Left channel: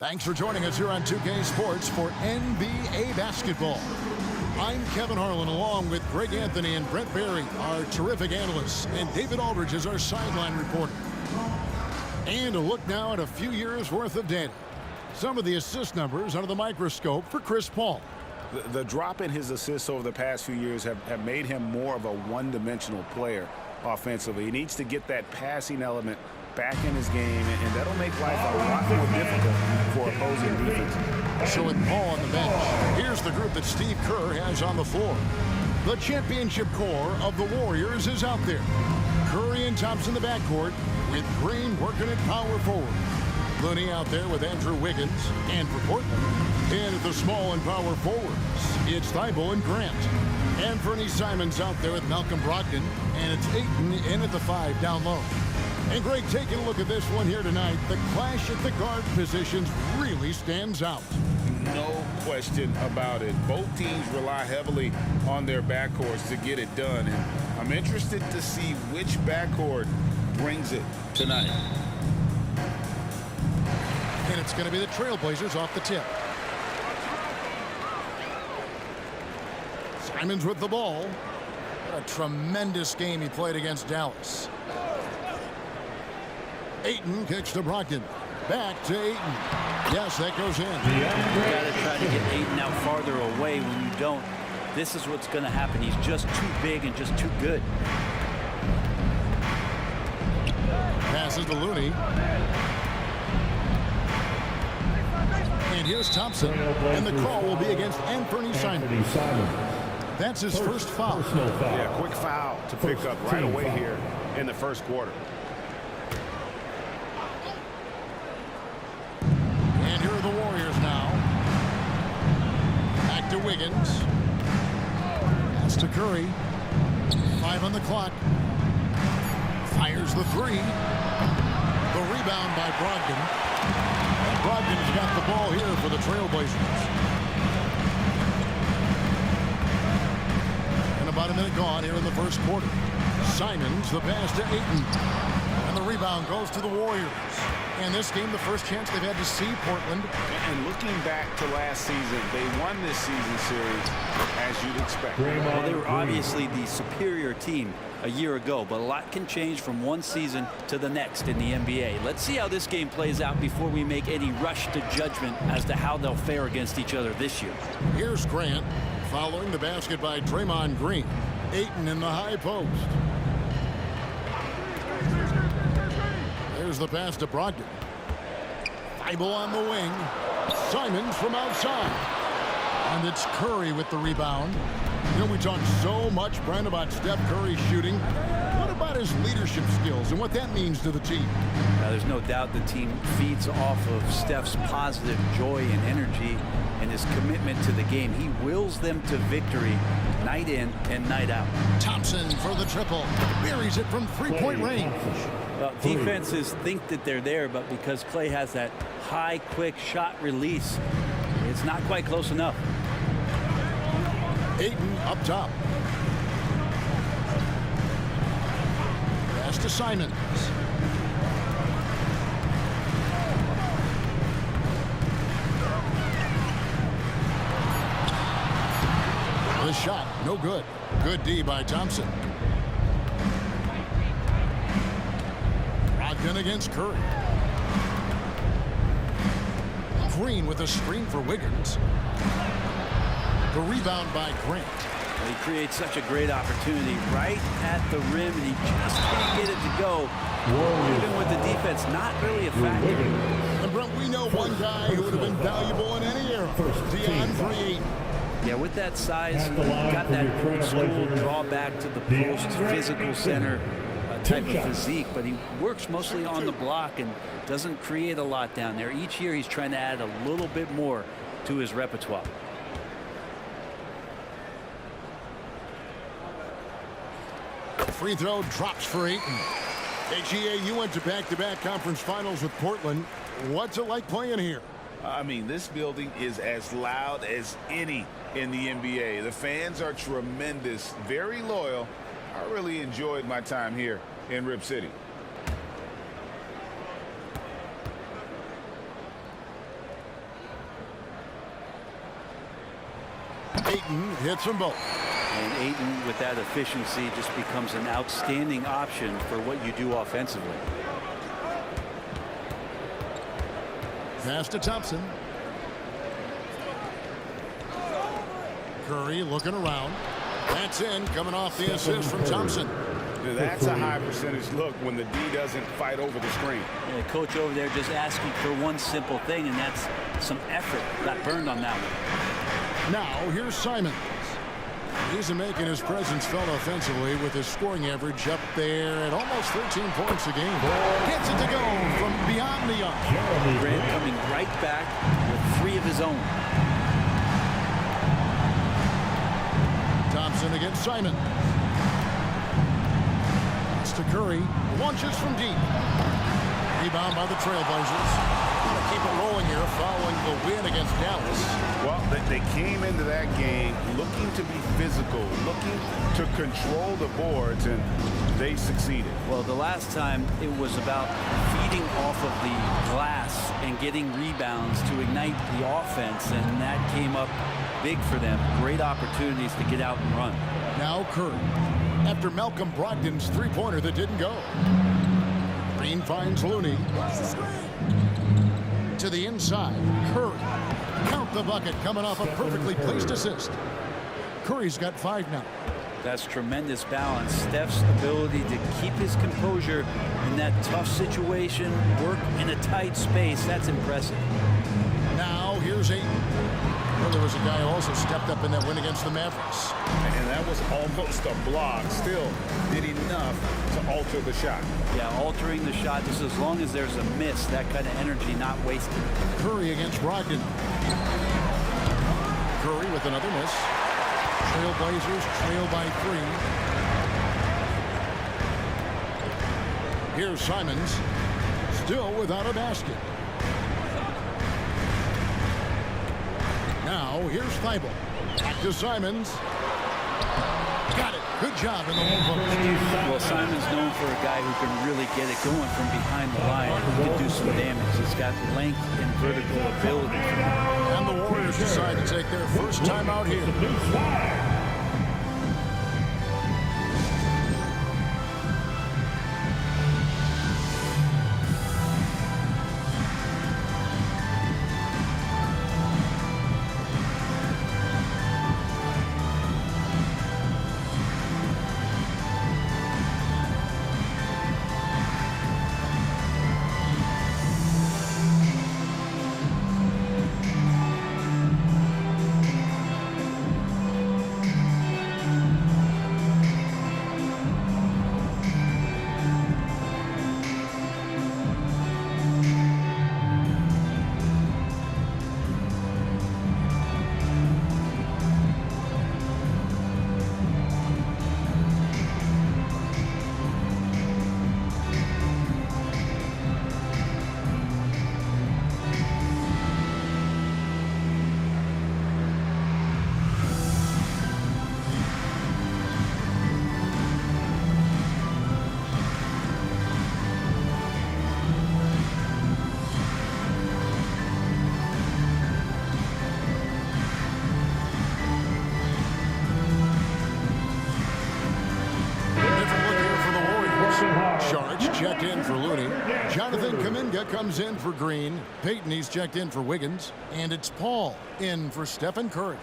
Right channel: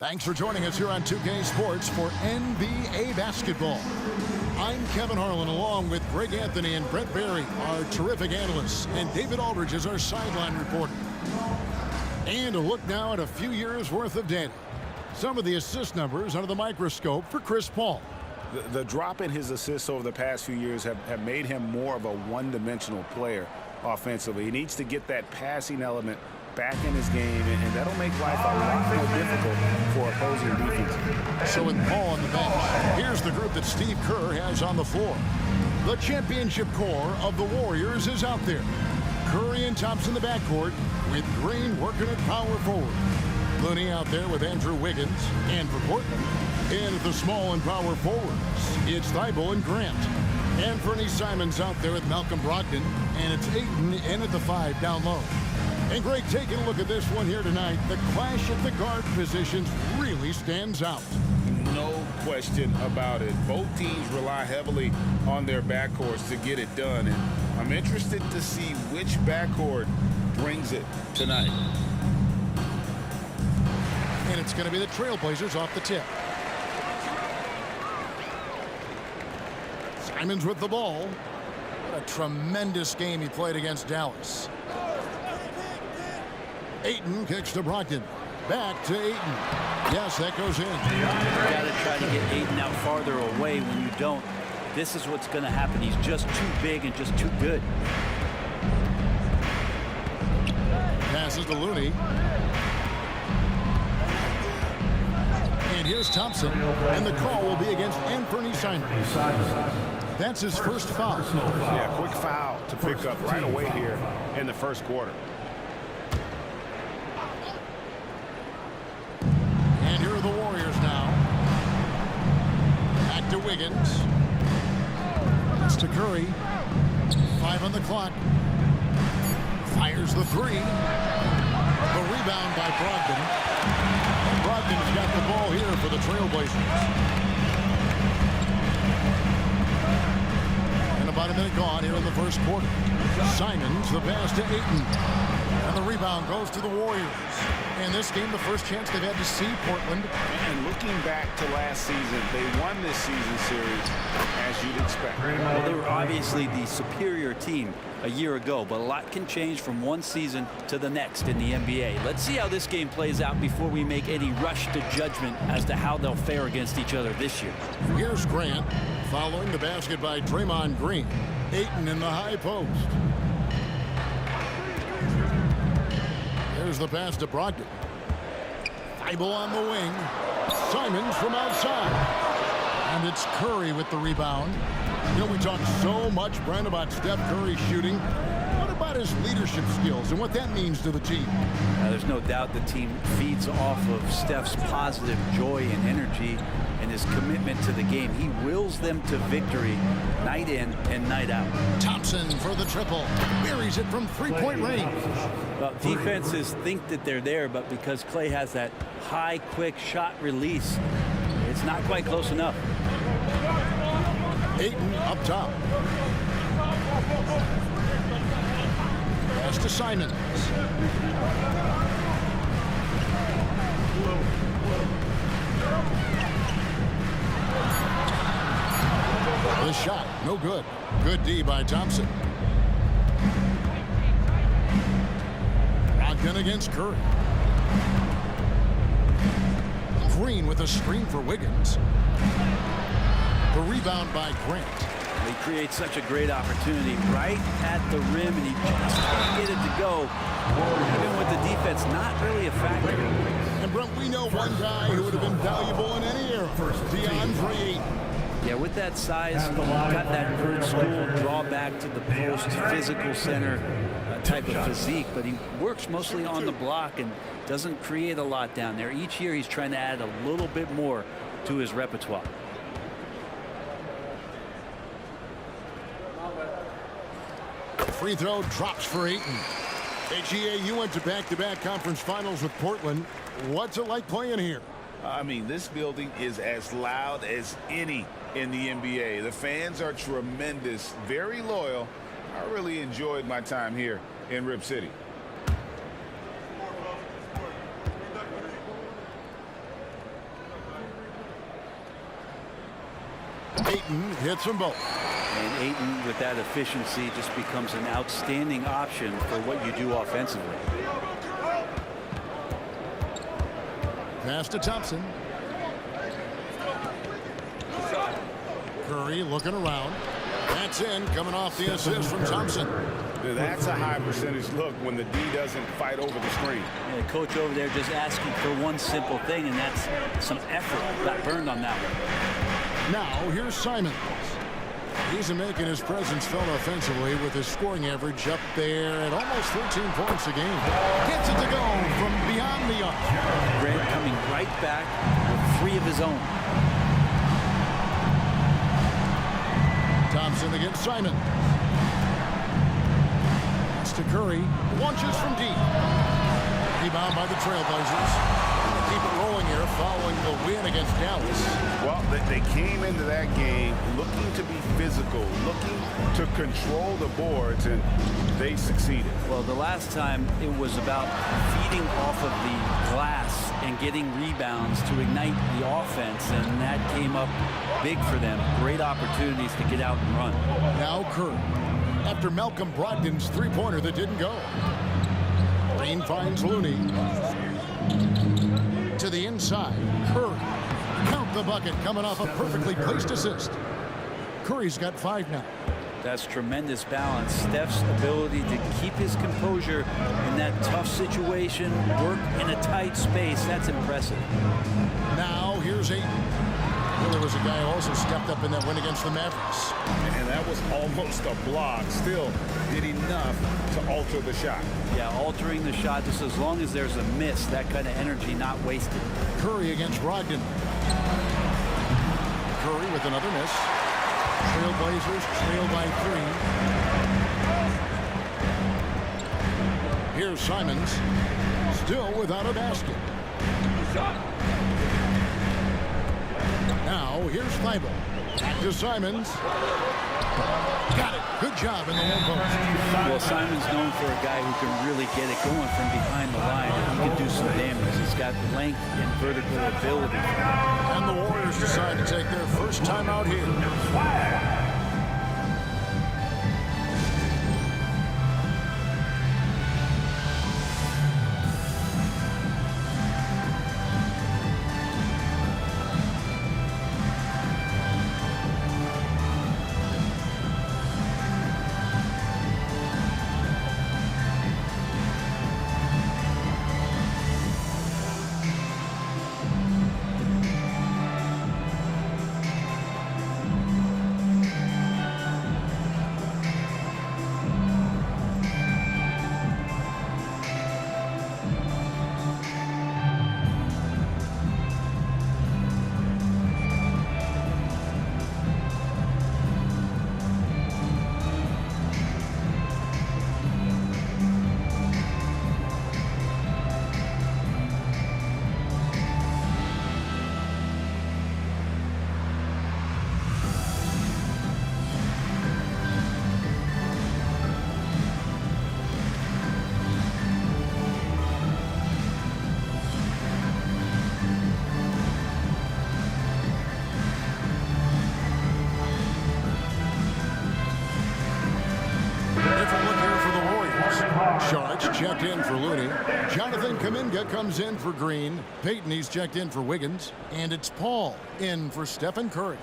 Thanks for joining us here on 2K Sports for NBA basketball. I'm Kevin Harlan along with Greg Anthony and Brent Barry, our terrific analysts, and David Aldridge is our sideline reporter. And a look now at a few years worth of data. Some of the assist numbers under the microscope for Chris Paul. The drop in his assists over the past few years have made him more of a one-dimensional player offensively. He needs to get that passing element back in his game, and that'll make life a lot more difficult for opposing defenses. So with Paul on the bench, here's the group that Steve Kerr has on the floor. The championship core of the Warriors is out there. Curry and Thompson in the backcourt, with Green working at power forward. Looney out there with Andrew Wiggins, and for Portland, in at the small and power forwards, it's Thibault and Grant. Anthony Simons out there with Malcolm Brogdon, and it's Ayton in at the 5 down low. And Greg, taking a look at this one here tonight, the clash at the guard positions really stands out. No question about it. Both teams rely heavily on their backcourts to get it done, and I'm interested to see which backcourt brings it tonight. And it's going to be the Trailblazers off the tip. Simons with the ball. What a tremendous game he played against Dallas. Ayton kicks to Brogdon. Back to Ayton. Yes, that goes in. You got to try to get Ayton out farther away. When you don't, this is what's going to happen. He's just too big and just too good. Passes to Looney. And here's Thompson. And the call will be against Anthony Simons. That's his first foul. Yeah, quick foul to pick up right away here in the first quarter. And here are the Warriors now. Back to Wiggins. That's to Curry. 5 on the clock. Fires the 3. The rebound by Brogdon. And Brogdon has got the ball here for the Trailblazers. And about a minute gone here in the first quarter. Simons, the pass to Ayton. And the rebound goes to the Warriors. In this game, the first chance they've had to see Portland. And looking back to last season, they won this season series as you'd expect. Well, they were obviously the superior team a year ago, but a lot can change from one season to the next in the NBA. Let's see how this game plays out before we make any rush to judgment as to how they'll fare against each other this year. Here's Grant following the basket by Draymond Green. Ayton in the high post. There's the pass to Brogdon. Thibault on the wing. Simons from outside. And it's Curry with the rebound. You know, we talk so much, Brent, about Steph Curry shooting. What about his leadership skills and what that means to the team? There's no doubt the team feeds off of Steph's positive joy and energy and his commitment to the game. He wills them to victory night in and night out. Thompson for the triple. Buries it from three-point range. Well, defenses think that they're there, but because Clay has that high, quick shot release, it's not quite close enough. Ayton up top. Pass to Simons. The shot, no good. Good D by Thompson. Brogdon against Curry. Green with a screen for Wiggins. The rebound by Grant. He creates such a great opportunity right at the rim, and he just can't get it to go. Even with the defense not really a factor. And Brent, we know one guy who would have been valuable in any era. DeAndre Ayton. Yeah, with that size, got that old school draw back to the post, physical center type of physique, but he works mostly on the block and doesn't create a lot down there. Each year he's trying to add a little bit more to his repertoire. free throw drops for Ayton. Hey, GA, you went to back-to-back conference finals with Portland. What's it like playing here? I mean, this building is as loud as any in the NBA. The fans are tremendous, very loyal. I really enjoyed my time here in Rip City. Ayton hits them both. And Ayton, with that efficiency, just becomes an outstanding option for what you do offensively. Pass to Thompson. Curry looking around. That's in, coming off the assist from Thompson. That's a high percentage look when the D doesn't fight over the screen. Yeah, coach over there just asking for one simple thing, and that's some effort. Got burned on that one. Now here's Simons. He's making his presence felt offensively with his scoring average up there at almost 13 points a game. Gets it to go from beyond the arc. Grant coming right back with 3 of his own. Thompson against Simons. Pass to Curry. Launches from deep. Rebound by the Trailblazers. Want to keep it rolling here following the win against Dallas. Well, they came into that game looking to be physical, looking to control the boards, and they succeeded. Well, the last time it was about feeding off of the glass and getting rebounds to ignite the offense, and that came up big for them. Great opportunities to get out and run. Now Curry. After Malcolm Brogdon's three-pointer that didn't go. Green finds Looney. To the inside. Curry. Count the bucket coming off a perfectly placed assist. Curry's got 5 now. That's tremendous balance. Steph's ability to keep his composure in that tough situation, work in a tight space, that's impressive. Now here's Ayton. Really was a guy who also stepped up in that win against the Mavericks. And that was almost a block. Still did enough to alter the shot. Yeah, altering the shot just as long as there's a miss, that kind of energy not wasted. Curry against Brogdon. Curry with another miss. Trailblazers trail by 3. Here's Simons. Still without a basket. Now here's Thibault. Back to Simons. Got it. Good job in the low post. Well, Simon's known for a guy who can really get it going from behind the line, and he can do some damage. He's got length and vertical ability. And the Warriors decide to take their first time out here. Sharks checked in for Looney. Jonathan Kuminga comes in for Green. Payton, he's checked in for Wiggins. And it's Paul in for Stephen Curry.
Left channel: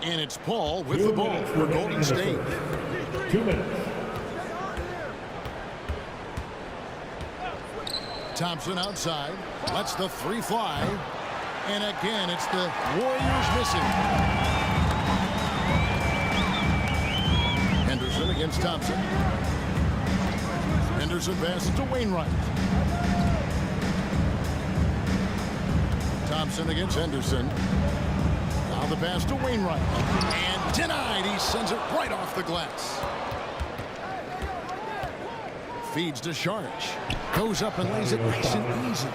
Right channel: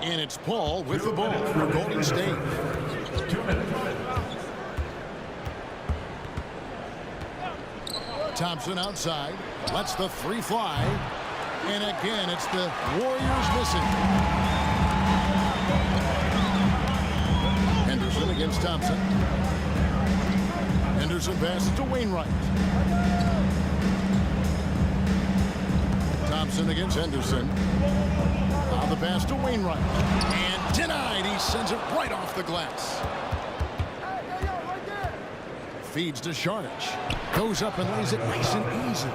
And it's Paul with the ball for Golden State. 2 minutes. Thompson outside. Lets the 3 fly. And again, it's the Warriors missing. against Thompson. Henderson passes to Wainwright. Thompson against Henderson. Now the pass to Wainwright. And denied. He sends it right off the glass. Feeds to Sharich. Goes up and lays it nice and easy.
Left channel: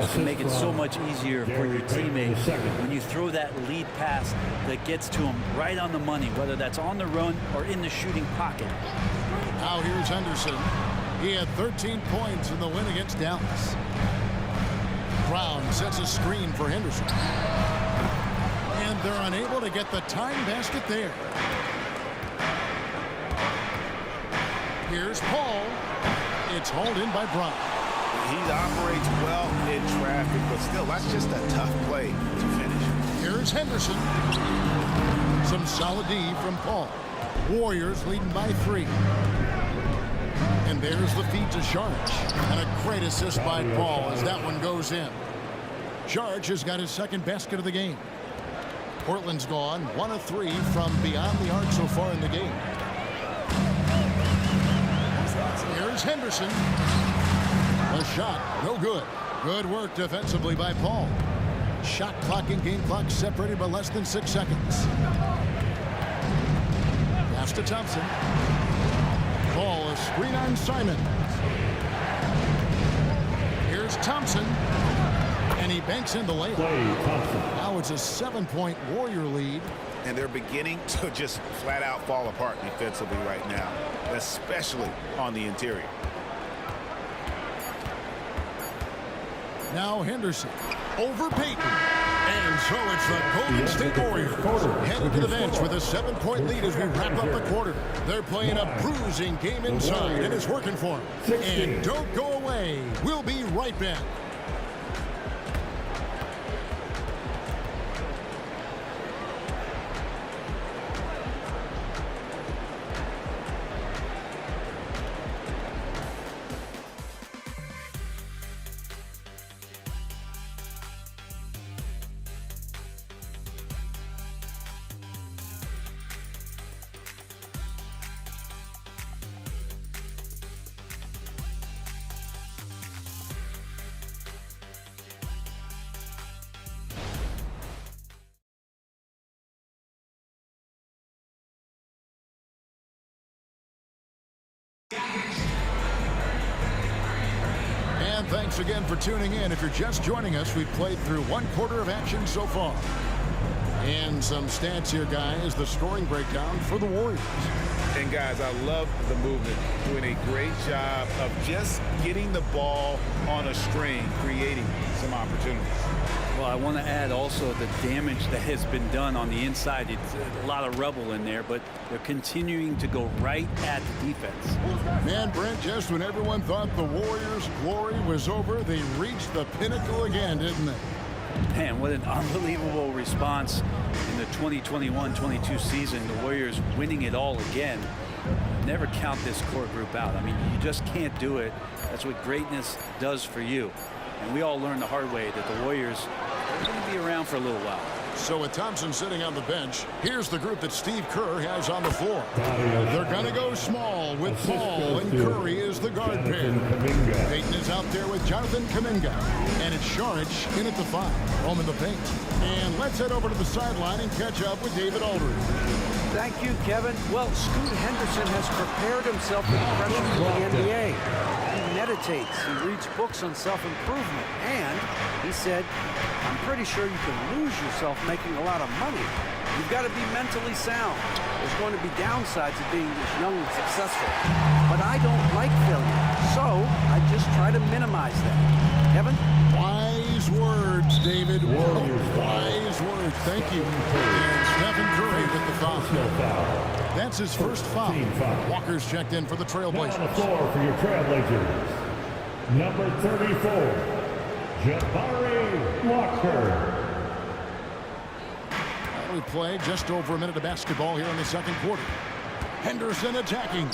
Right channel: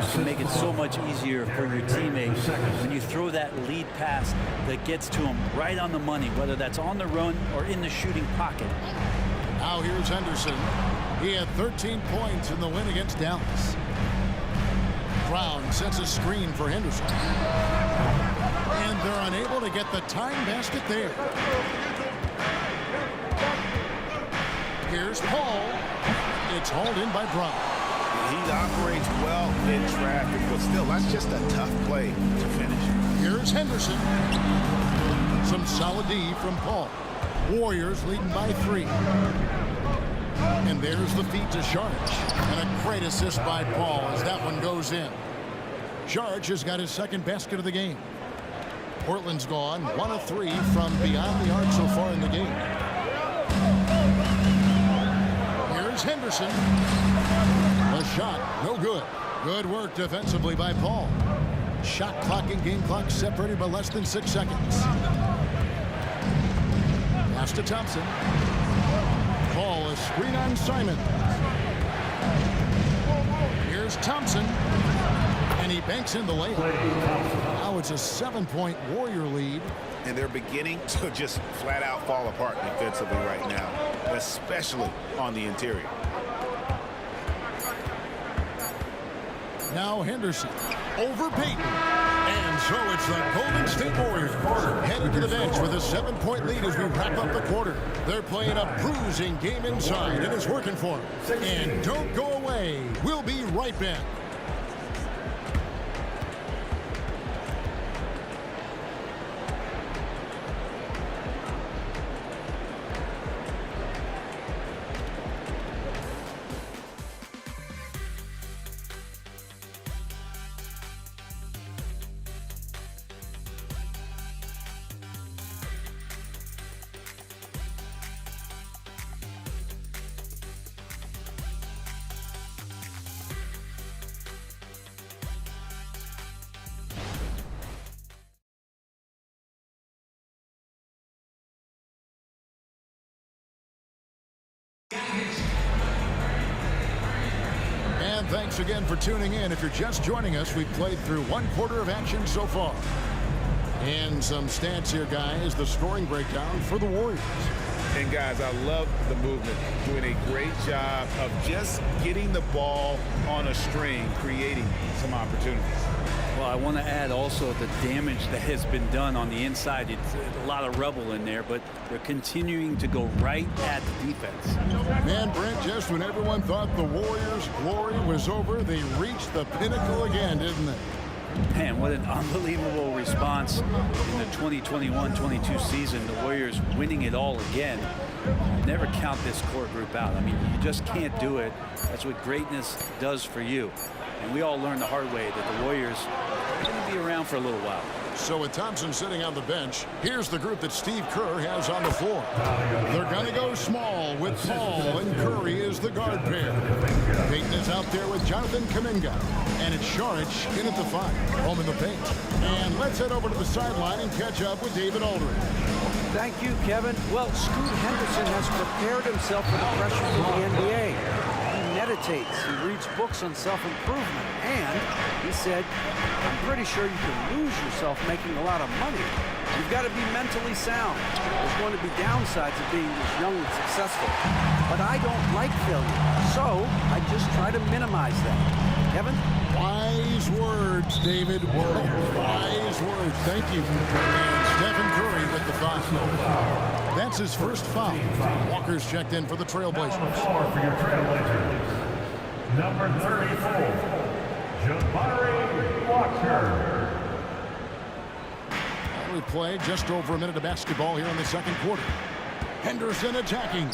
You can make it so much easier for your teammate when you throw that lead pass that gets to him right on the money, whether that's on the run or in the shooting pocket. Now here's Henderson. He had 13 points in the win against Dallas. Brown sets a screen for Henderson. And they're unable to get the tying basket there. Here's Paul. It's hauled in by Brown. He operates well in traffic, but still, that's just a tough play to finish. Here's Henderson. Some solid D from Paul. Warriors leading by 3. And there's the feed to Sharich. And a great assist by Paul as that one goes in. Sharich has got his second basket of the game. Portland's gone 1 of 3 from beyond the arc so far in the game. Here's Henderson. The shot, no good. Good work defensively by Paul. Shot clock and game clock separated by less than 6 seconds. Pass to Thompson. Paul, a screen on Simon. Here's Thompson. And he banks in the layup. Now it's a 7-point Warrior lead. And they're beginning to just flat out fall apart defensively right now, especially on the interior. Now Henderson over Payton. And so it's the Golden State Warriors headed to the bench with a 7-point lead as we wrap up the quarter. They're playing a bruising game inside, and it's working for them. And don't go away. We'll be right back. And thanks again for tuning in. If you're just joining us, we've played through 1 quarter of action so far. And some stats here, guys, the scoring breakdown for the Warriors. And guys, I love the movement, doing a great job of just getting the ball on a string, creating some opportunities. Well, I want to add also the damage that has been done on the inside. It's a lot of rubble in there, but they're continuing to go right at the defense. Man, Brent, just when everyone thought the Warriors' glory was over, they reached the pinnacle again, didn't they? Man, what an unbelievable response in the 2021-22 season. The Warriors winning it all again. Never count this core group out. I mean, you just can't do it. That's what greatness does for you. And we all learned the hard way that the Warriors are going to be around for a little while. So with Thompson sitting on the bench, here's the group that Steve Kerr has on the floor. They're going to go small with Paul and Curry as the guard pair. Payton is out there with Jonathan Kuminga. And it's Sharich in at the 5, home in the paint. And let's head over to the sideline and catch up with David Aldridge. Thank you, Kevin. Well, Scoot Henderson has prepared himself for the pressure from the NBA. He meditates, he reads books on self-improvement, and he said, I'm pretty sure you can lose yourself making a lot of money. You've got to be mentally sound. There's going to be downsides of being this young and successful. But I don't like failure, so I just try to minimize that. Kevin? Wise words, David. Wise words. Thank you. And Stephen Curry with the foul. That's his first foul. Walker's checked in for the Trailblazers. On the floor for your Trailblazers, number 34, Jabari Walker. We play just over a minute of basketball here in the second quarter. Henderson attacking.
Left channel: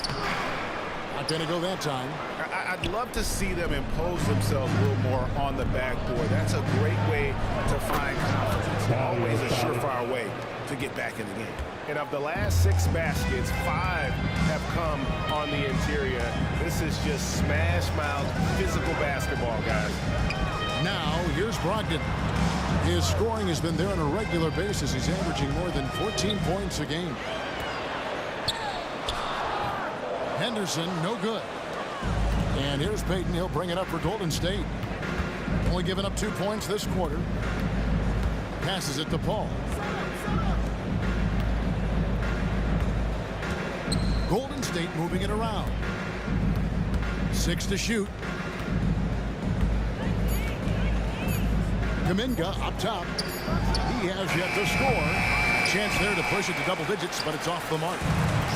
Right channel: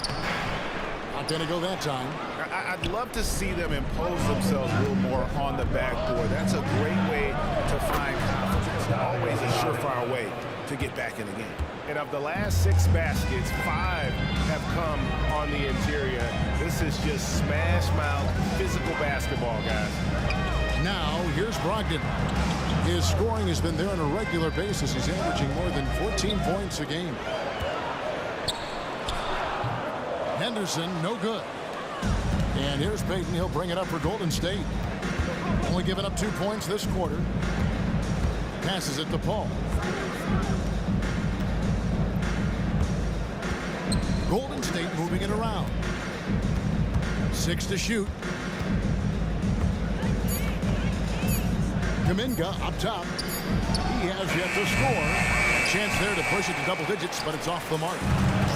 Not going to go that time. I'd love to see them impose themselves a little more on the backboard. That's a great way to find confidence. Always a surefire way to get back in the game. And of the last 6 baskets, 5 have come on the interior. This is just smash mouth physical basketball, guys. Now, here's Brogdon. His scoring has been there on a regular basis. He's averaging more than 14 points a game. Henderson, no good. And here's Payton. He'll bring it up for Golden State. Only given up 2 points this quarter. Passes it to Paul. Golden State moving it around. 6 to shoot. Kuminga up top. He has yet to score. Chance there to push it to double digits, but it's off the mark.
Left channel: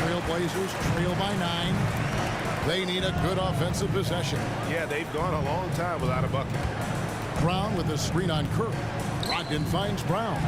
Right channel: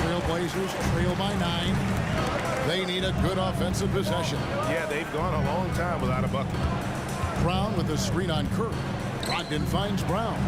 Trailblazers trail by 9. They need a good offensive possession. Yeah, they've gone a long time without a bucket. Brown with the screen on Curry. Brogdon finds Brown.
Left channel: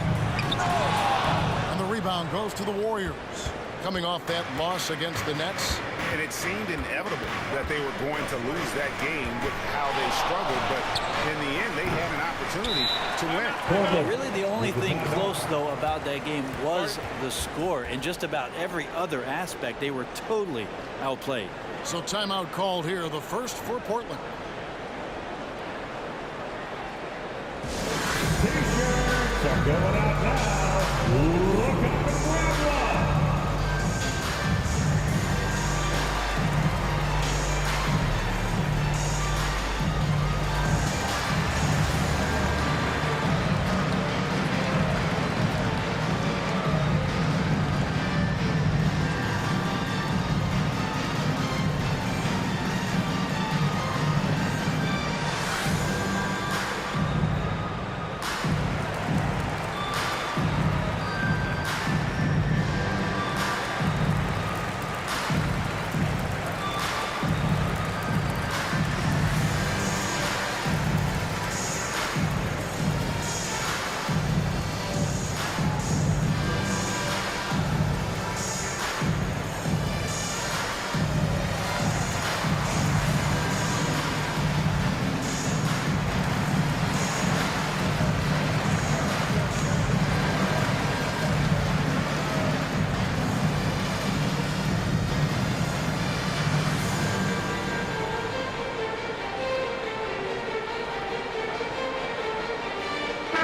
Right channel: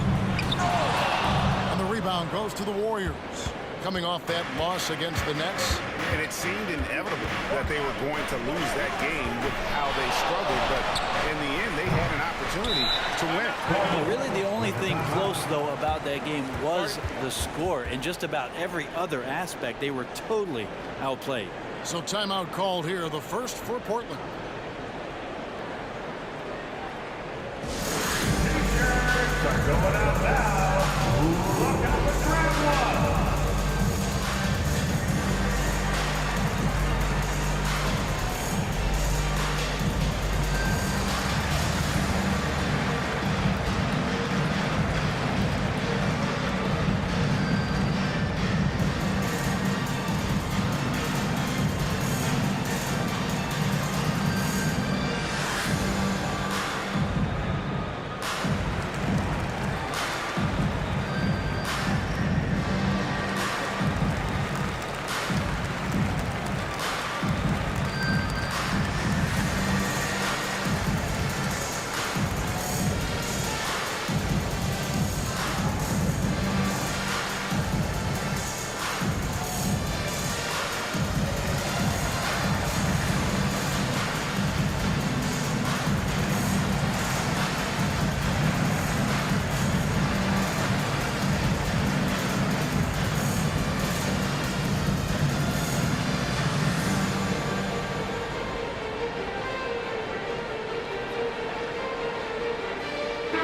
And the rebound goes to the Warriors. Coming off that loss against the Nets. And it seemed inevitable that they were going to lose that game with how they struggled. But in the end, they had an opportunity to win. Yeah, really the only thing close, though, about that game was the score. In just about every other aspect, they were totally outplayed. So timeout called here, the first for Portland. T-shirts are going out now. Look out for grab one.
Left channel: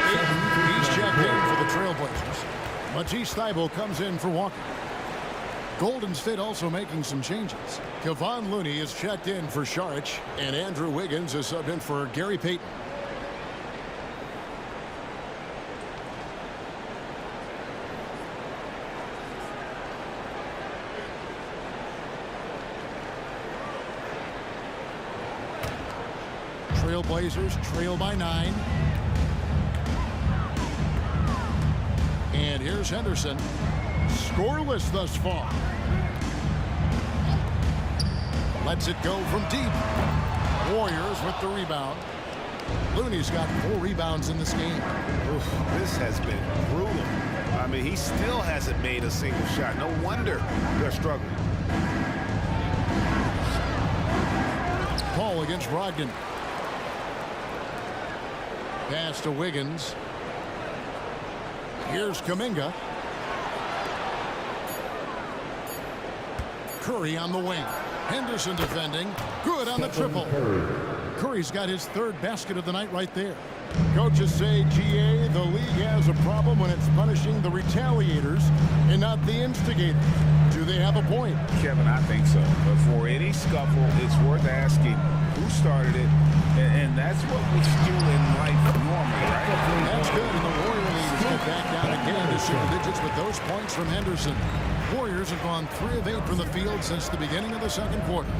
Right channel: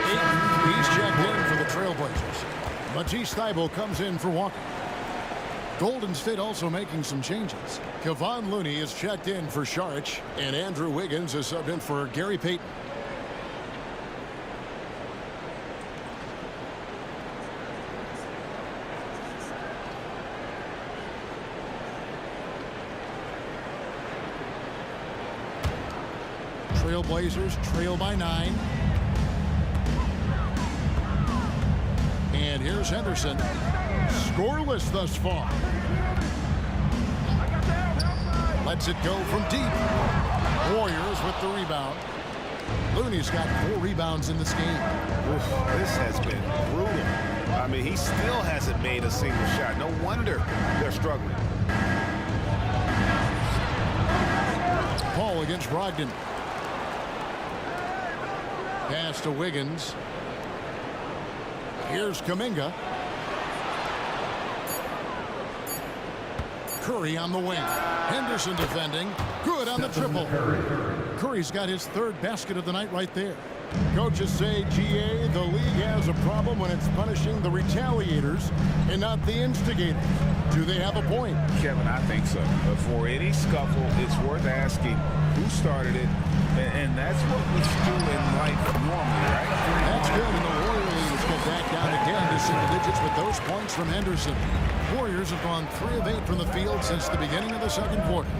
He's checked in for the Trailblazers. Matisse Thybulle comes in for Walker. Golden State also making some changes. Kevon Looney is checked in for Saric, and Andrew Wiggins is subbed in for Gary Payton. Trailblazers trail by 9. And here's Henderson. Scoreless thus far. Lets it go from deep. Warriors with the rebound. Looney's got 4 rebounds in this game. Oof, this has been brutal. I mean, he still hasn't made a single shot. No wonder they're struggling. Paul against Brogdon. Pass to Wiggins. Here's Kuminga. Curry on the wing. Henderson defending. Good on the triple. Curry's got his 3rd basket of the night right there. Coaches say, GA, the league has a problem when it's punishing the retaliators and not the instigators. Do they have a point? Kevin, I think so. But for any scuffle, it's worth asking who started it. And that's what we do in life normally, right? That's good, and the Warrior lead has cut back down again to single digits with those points from Henderson. Warriors have gone 3 of 8 from the field since the beginning of the second quarter.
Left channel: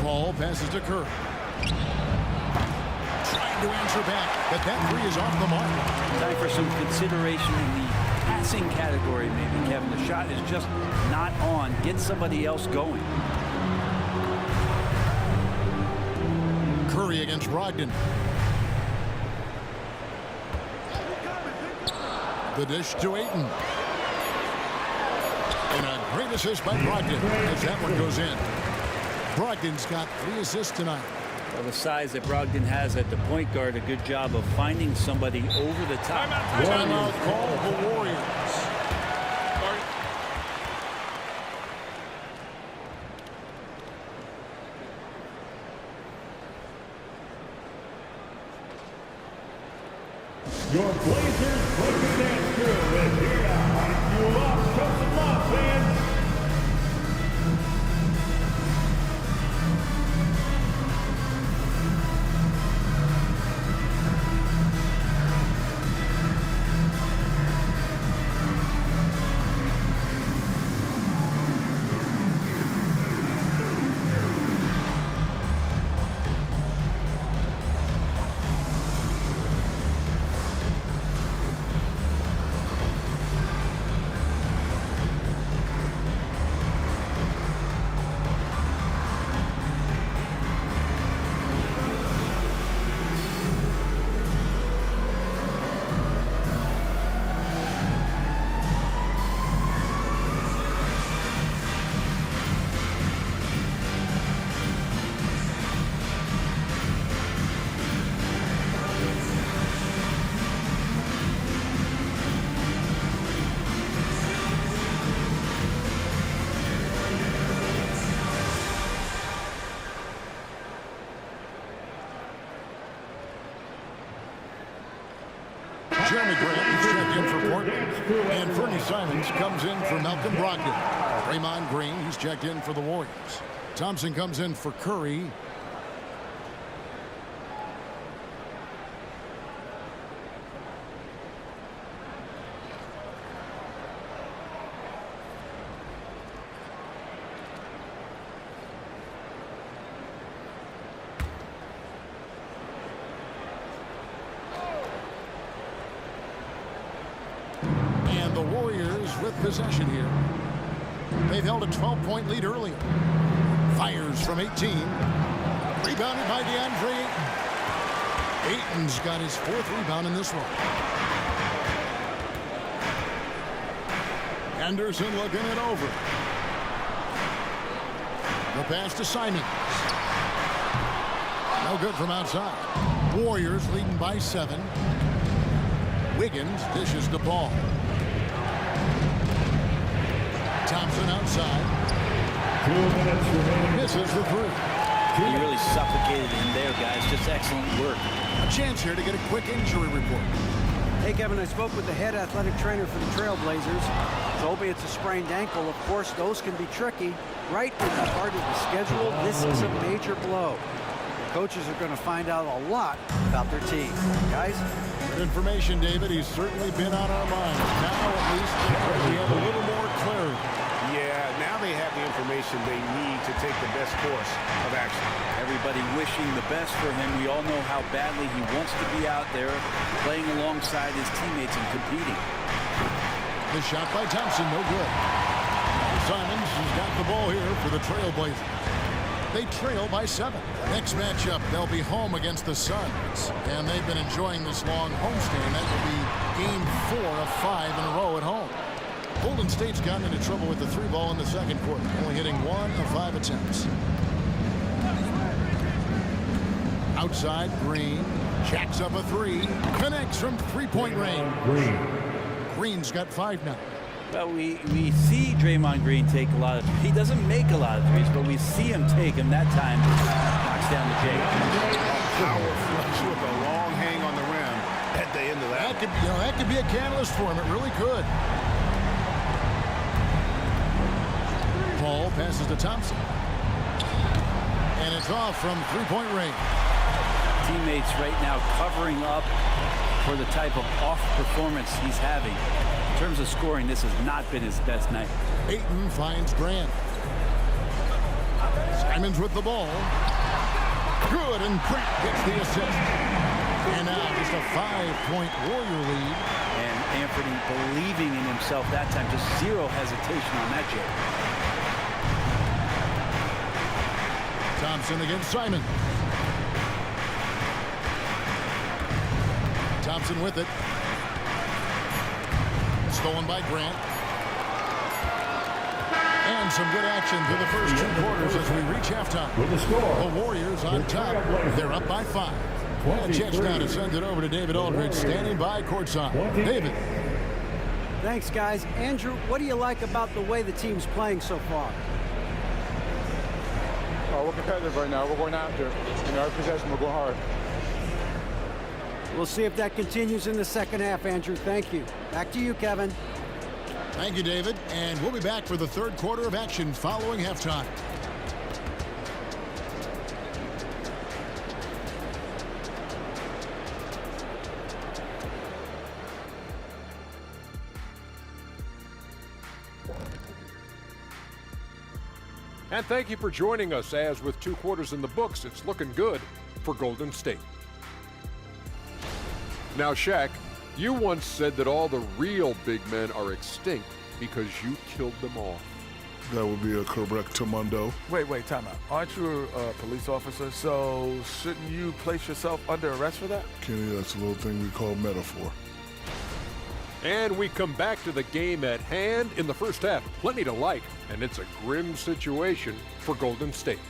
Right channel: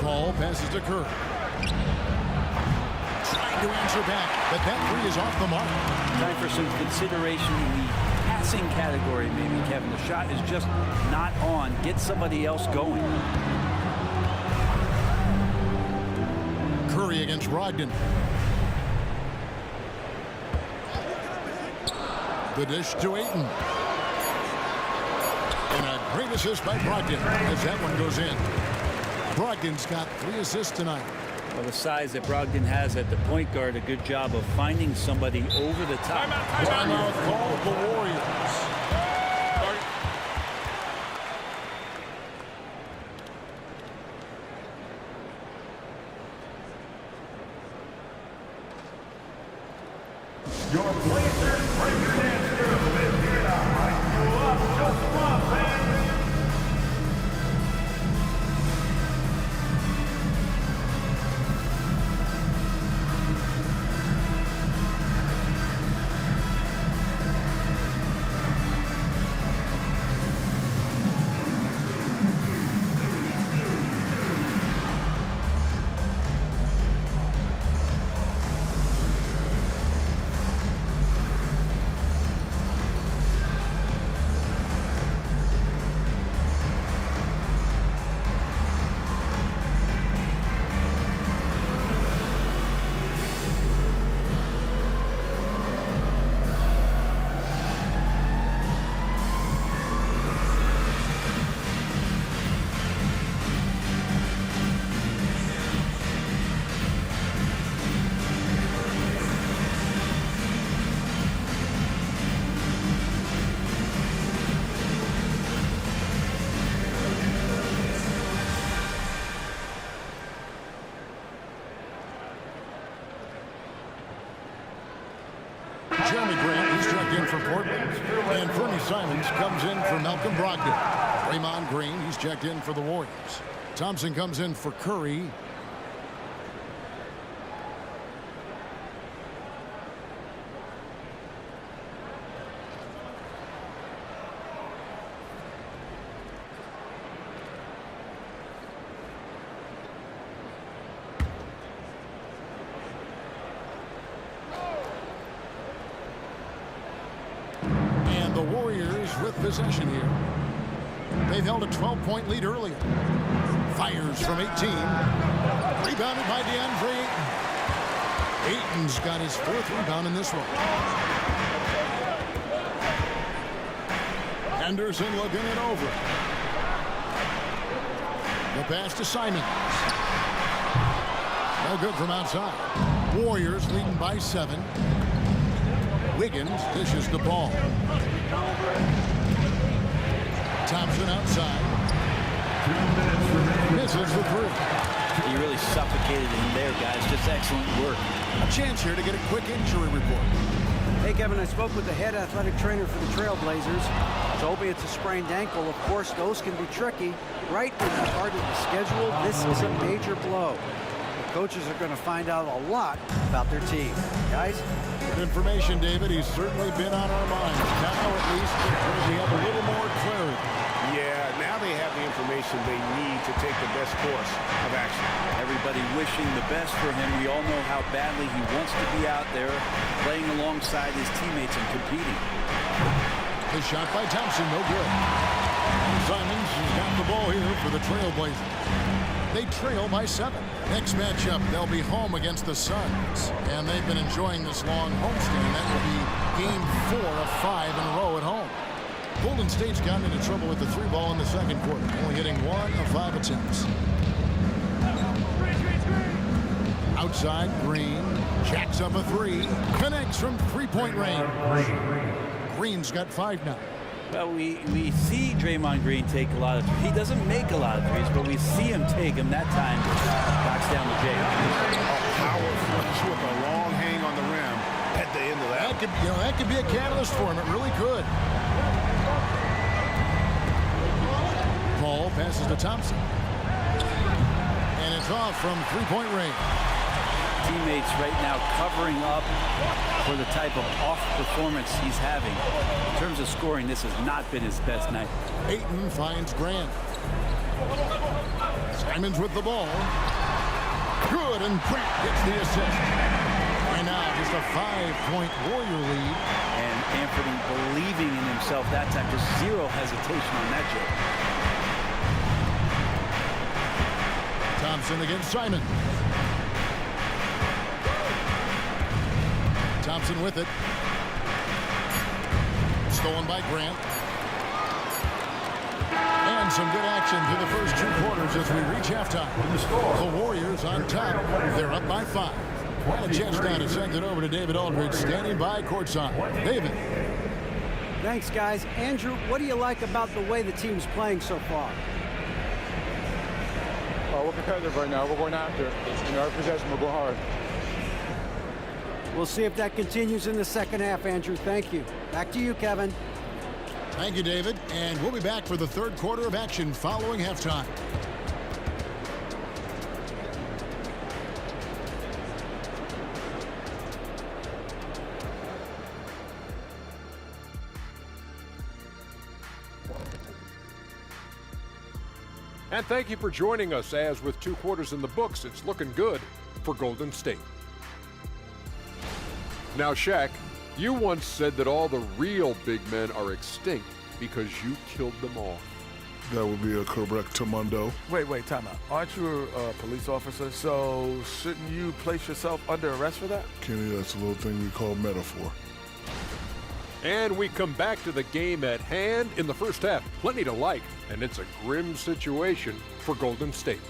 Paul passes to Curry. Trying to answer back, but that 3 is off the mark. Time for some consideration in the passing category, maybe, Kevin. The shot is just not on. Get somebody else going. Curry against Brogdon. The dish to Ayton. And a great assist by Brogdon as that one goes in. Brogdon's got 3 assists tonight. Well, the size that Brogdon has at the point guard, a good job of finding somebody over the top. Timeout call the Warriors. Your Blazers breaker dance crew is here to hype you up. Just some love, fans. Jeremy Grant, he's checked in for Portland. And Fernie Simons comes in for Malcolm Brogdon. Draymond Green, he's checked in for the Warriors. Thompson comes in for Curry. And the Warriors with possession here. They've held a 12-point lead earlier. Fires from 18. Rebounded by DeAndre Ayton. Ayton's got his 4th rebound in this one. Henderson looking it over. The pass to Simons. No good from outside. Warriors leading by 7. Wiggins dishes the ball. Thompson outside. 2 minutes remaining. Misses the 3. He really suffocated him there, guys. Just excellent work. A chance here to get a quick injury report. Hey, Kevin, I spoke with the head athletic trainer for the Trailblazers. Told me it's a sprained ankle. Of course, those can be tricky. Right in the heart of the schedule, this is a major blow. The coaches are going to find out a lot about their team. Guys? Good information, David. He's certainly been on our minds. Now, at least, we have a little more clarity. Yeah, now they have the information they need to take the best course of action. Everybody wishing the best for him. We all know how badly he wants to be out there playing alongside his teammates and competing. The shot by Thompson, no good. And Simons has got the ball here for the Trailblazers. They trail by 7. Next matchup, they'll be home against the Suns. And they've been enjoying this long homestand. That will be game 4 of 5 in a row at home. Golden State's gotten into trouble with the 3 ball in the second quarter, only hitting 1 of 5 attempts. Outside, Green jacks up a 3, connects from 3-point range. Green's got 5 now. Well, we see Draymond Green take a lot of threes. He doesn't make a lot of threes, but we see him take them. That time, knocks down the Jake. A power flush with a long hang on the rim at the end of that. That could be a catalyst for him. It really could. Paul passes to Thompson. And it's off from 3-point range. Teammates right now covering up for the type of off performance he's having. In terms of scoring, this has not been his best night. Ayton finds Grant. Simons with the ball. Good, and Grant gets the assist. And now just a 5-point Warrior lead. And Anthony believing in himself that time. Just zero hesitation on that, Jake. Thompson against Simons. Thompson with it. Stolen by Grant. And some good action through the first 2 quarters as we reach halftime. With the score, The Warriors on top. They're up by 5. And a chance now to send it over to David Aldridge, standing by courtside. David. Thanks, guys. Andrew, what do you like about the way the team's playing so far? We're competitive right now. We're going after it. Every possession, we're going hard. We'll see if that continues in the second half, Andrew. Thank you. Back to you, Kevin. Thank you, David. And we'll be back for the third quarter of action following halftime. And thank you for joining us, as with 2 quarters in the books, it's looking good for Golden State. Now, Shaq, you once said that all the real big men are extinct because you killed them all. That would be a correct Mundo. Wait, time out. Aren't you a police officer? So shouldn't you place yourself under arrest for that? Kenny, that's a little thing we call metaphor. And we come back to the game at hand in the first half. Plenty to like, and it's a grim situation for Golden State.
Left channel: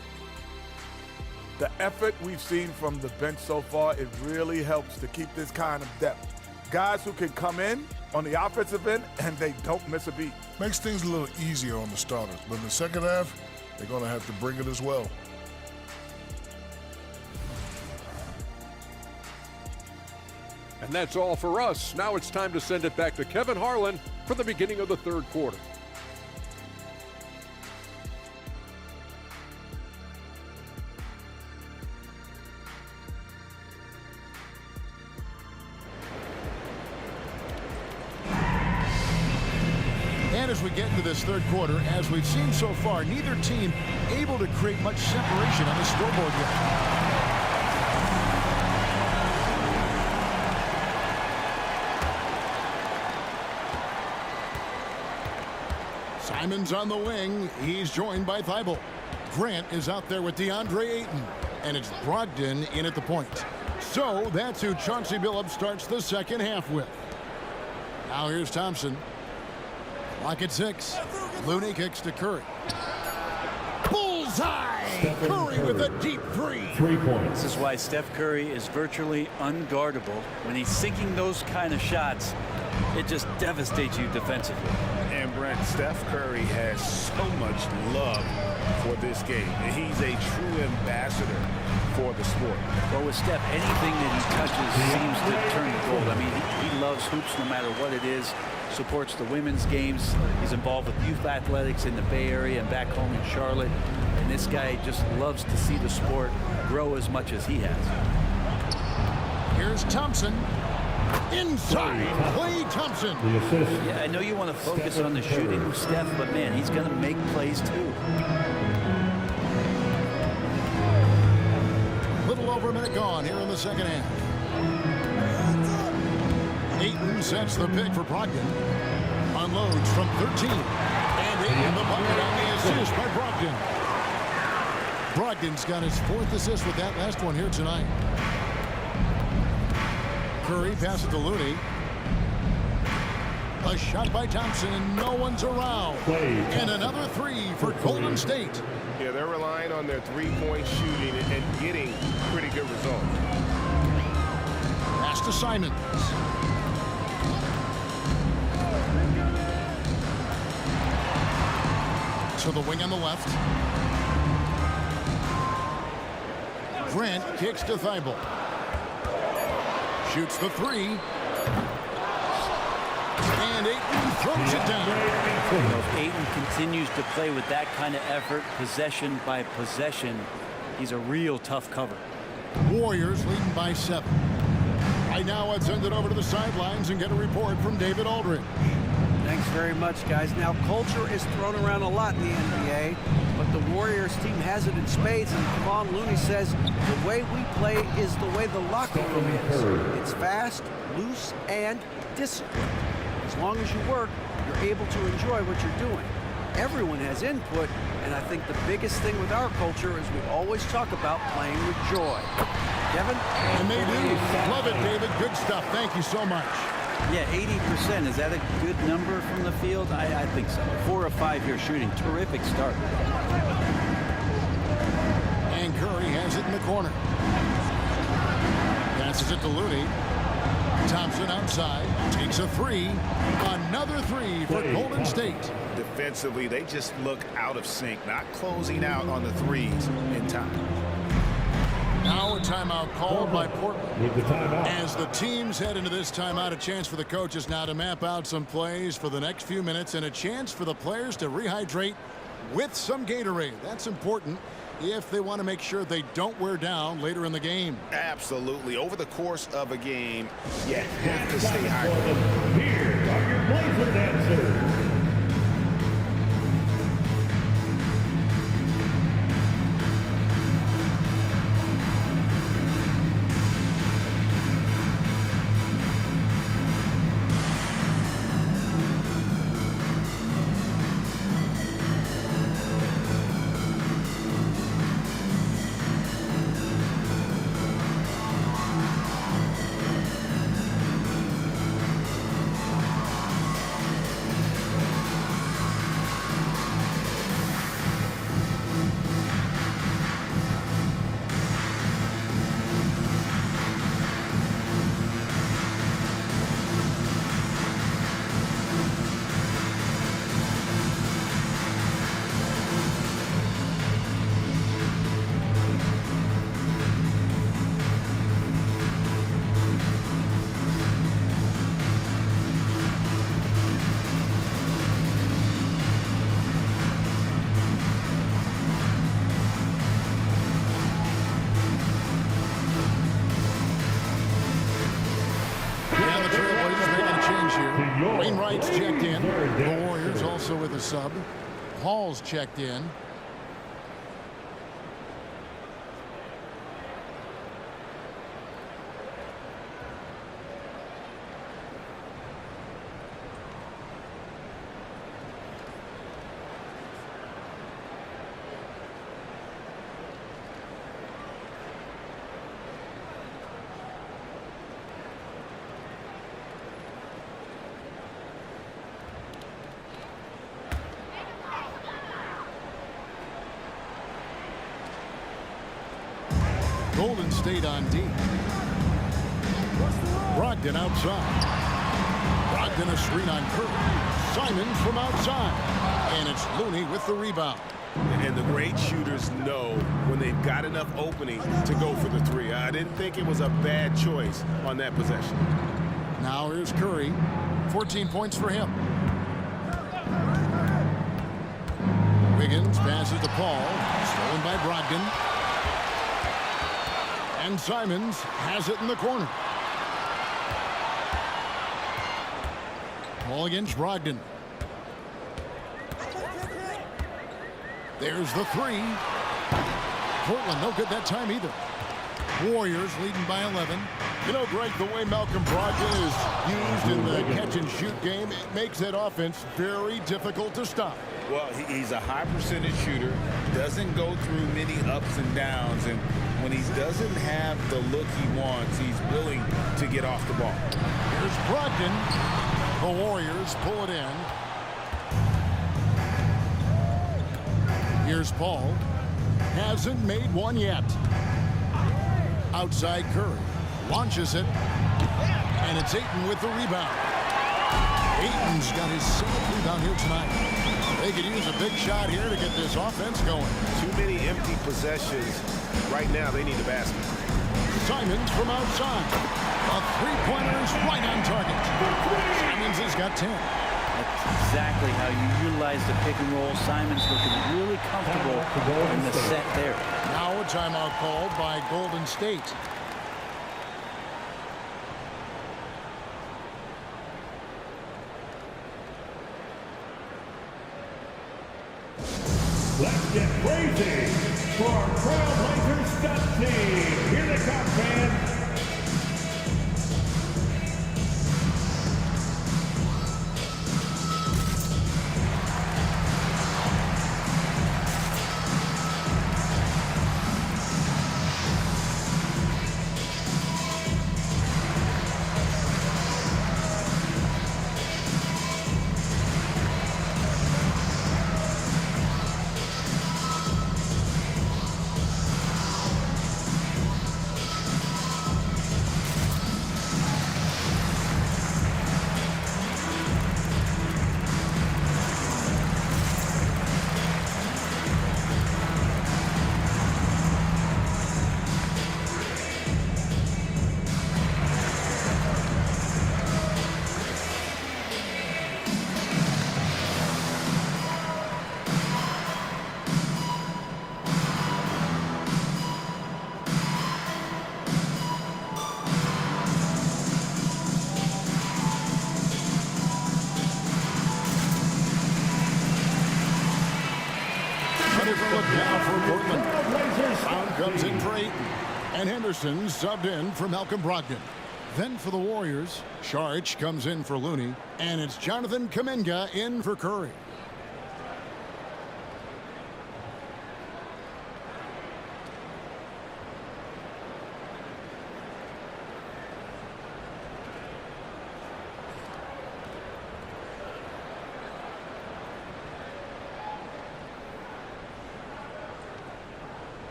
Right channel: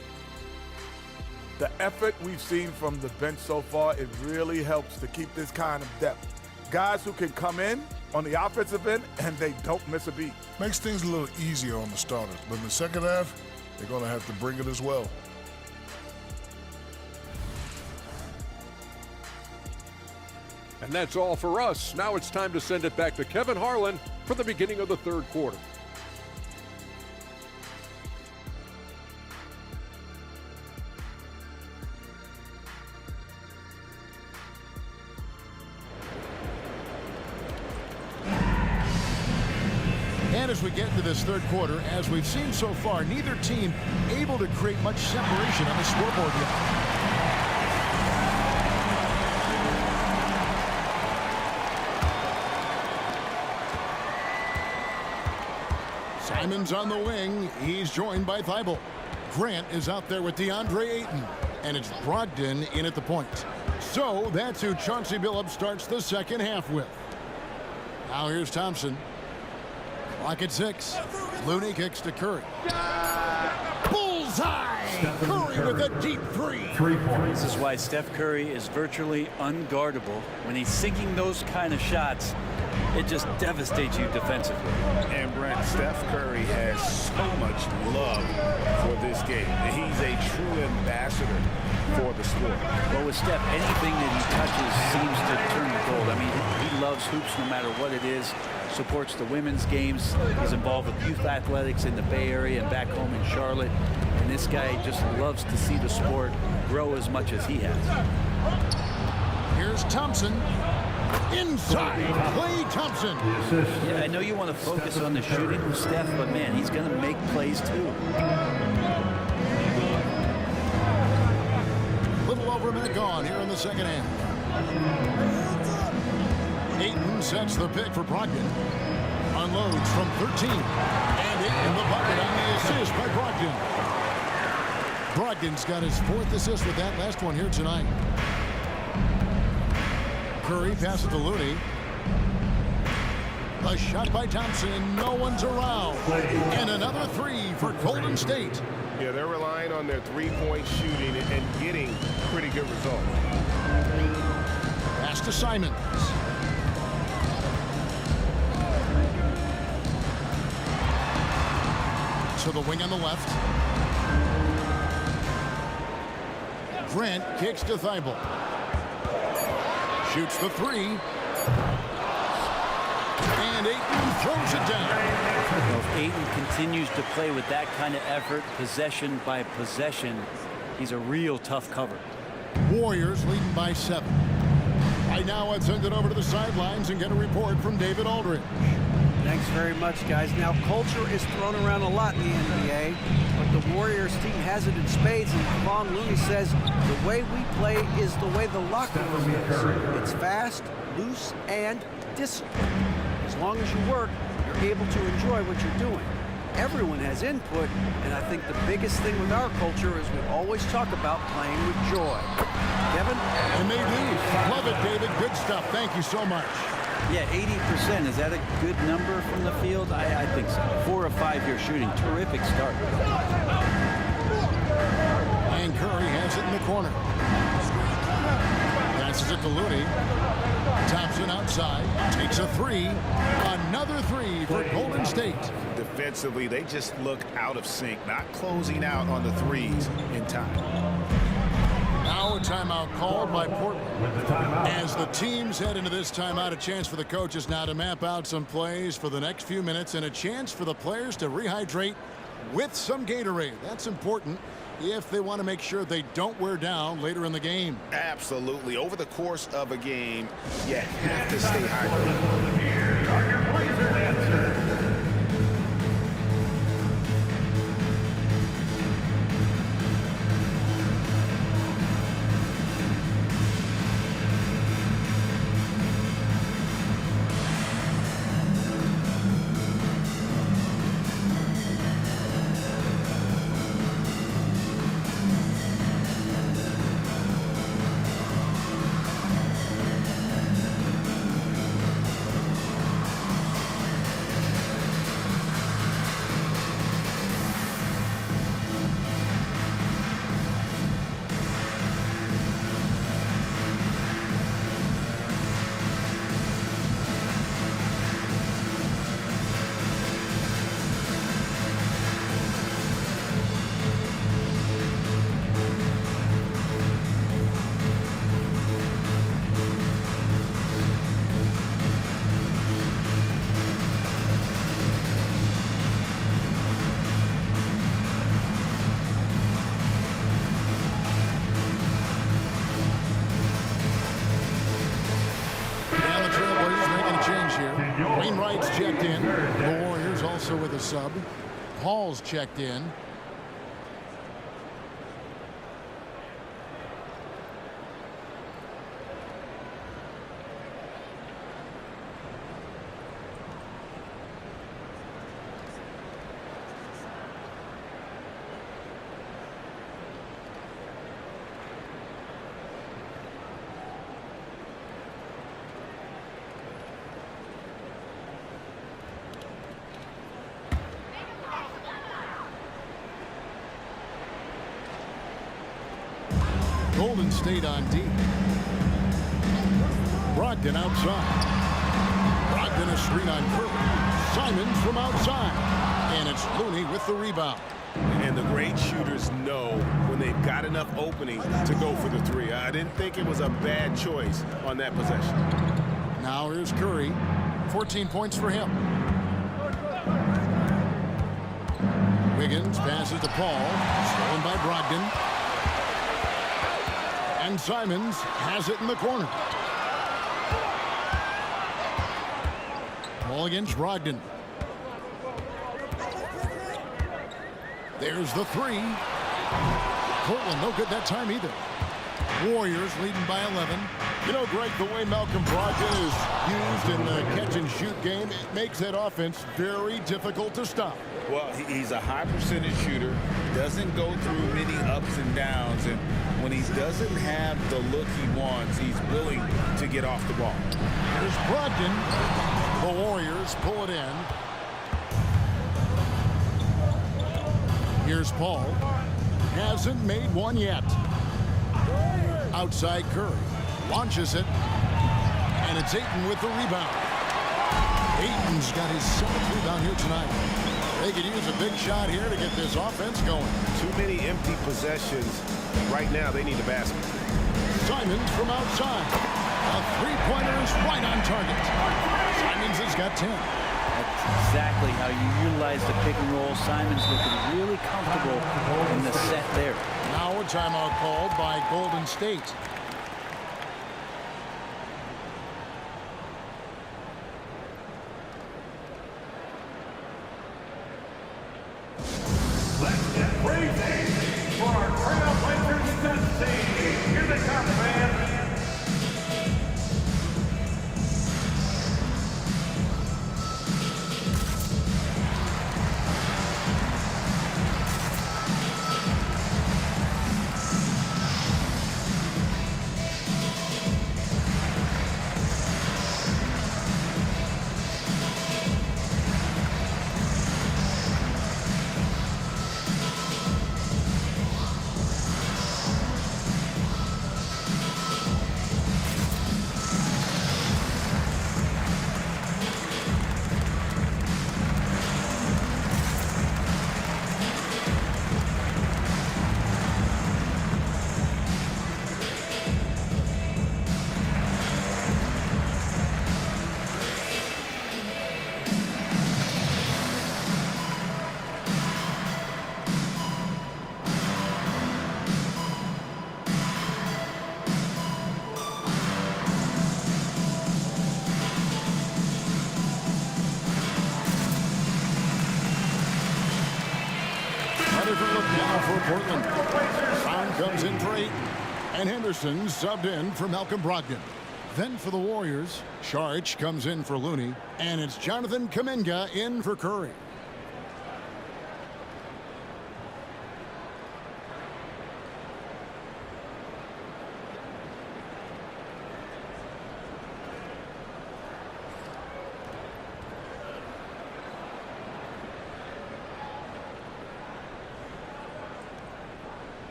The effort we've seen from the bench so far, it really helps to keep this kind of depth. Guys who can come in on the offensive end and they don't miss a beat. Makes things a little easier on the starters, but in the second half, they're going to have to bring it as well. And that's all for us. Now it's time to send it back to Kevin Harlan for the beginning of the third quarter. And as we get into this third quarter, as we've seen so far, neither team able to create much separation on the scoreboard yet. Simon's on the wing. He's joined by Thibault. Grant is out there with DeAndre Ayton. And it's Brogdon in at the point. So that's who Chauncey Billups starts the second half with. Now here's Thompson. Clock at 6. Looney kicks to Curry. Bullseye! Curry with a deep 3. 3 points. This is why Steph Curry is virtually unguardable. When he's sinking those kind of shots, it just devastates you defensively. And Brent, Steph Curry has so much love for this game. He's a true ambassador for the sport. Well, with Steph, anything that he touches seems to turn to gold. I mean, he loves hoops no matter what it is. Supports the women's games. He's involved with youth athletics in the Bay Area and back home in Charlotte. And this guy just loves to see the sport grow as much as he has. Here's Thompson. Inside, Klay Thompson. The assist. Yeah, I know you want to focus on the shooting with Steph, but man, he's going to make plays too. Little over a minute gone here in the second half. Ayton sets the pick for Brogdon. Unloads from 13. And Ayton the bucket on the assist by Brogdon. Brogdon's got his 4th assist with that last one here tonight. Curry passes to Looney. A shot by Thompson, and no one's around. And another 3 for Golden State. Yeah, they're relying on their three-point shooting and getting pretty good results. Pass to Simons. To the wing on the left. Grant kicks to Thibault. Shoots the 3. And Ayton throws it down. Well, if Ayton continues to play with that kind of effort, possession by possession, he's a real tough cover. Warriors leading by 7. Right now, let's send it over to the sidelines and get a report from David Aldridge. Thanks very much, guys. Now, culture is thrown around a lot in the NBA, but the Warriors team has it in spades, and Kevon Looney says the way we play is the way the locker room is. It's fast, loose, and disciplined. As long as you work, you're able to enjoy what you're doing. Everyone has input, and I think the biggest thing with our culture is we always talk about playing with joy. Kevin? And they do. Love it, David. Good stuff. Thank you so much. Yeah, 80%. Is that a good number from the field? I think so. 4 of 5 here shooting. Terrific start. And Curry has it in the corner. Passes it to Looney. Thompson outside. Takes a three. Another three for Golden State. Defensively, they just look out of sync, not closing out on the threes in time. Now a timeout called by Portland. With the timeout. As the teams head into this timeout, a chance for the coaches now to map out some plays for the next few minutes and a chance for the players to rehydrate with some Gatorade. That's important if they want to make sure they don't wear down later in the game. Absolutely. Over the course of a game, you have to stay hydrated. Here are your Blazer dancers. Here. Wainwright's checked in. The Warriors also with a sub. Paul's checked in. Golden State on D. Brogdon outside. Brogdon a screen on Curry. Simons from outside. And it's Looney with the rebound. And the great shooters know when they've got enough opening to go for the three. I didn't think it was a bad choice on that possession. Now here's Curry. 14 points for him. Wiggins passes to Paul. Stolen by Brogdon. And Simons has it in the corner. Paul against Brogdon. There's the three. Portland no good that time either. Warriors leading by 11. You know, Greg, the way Malcolm Brogdon is used in the catch-and-shoot game, it makes that offense very difficult to stop. Well, he's a high percentage shooter, doesn't go through many ups and downs, and when he doesn't have the look he wants, he's willing to get off the ball. Here's Brogdon. The Warriors pull it in. Here's Paul. Hasn't made one yet. Outside Curry. Launches it. And it's Ayton with the rebound. Ayton's got his 7th rebound here tonight. They could use a big shot here to get this offense going. Too many empty possessions. Right now, they need a basket. Simons from outside. A three-pointer is right on target. Simons has got 10. That's exactly how you utilize the pick and roll. Simons looking really comfortable in the set there. Now a timeout called by Golden State. Let's get crazy for our Trailblazers stunt team. Here they come, fans. different look now for Portland. Brown comes in for Ayton. And Henderson subbed in for Malcolm Brogdon. Then for the Warriors, Saric comes in for Looney. And it's Jonathan Kuminga in for Curry.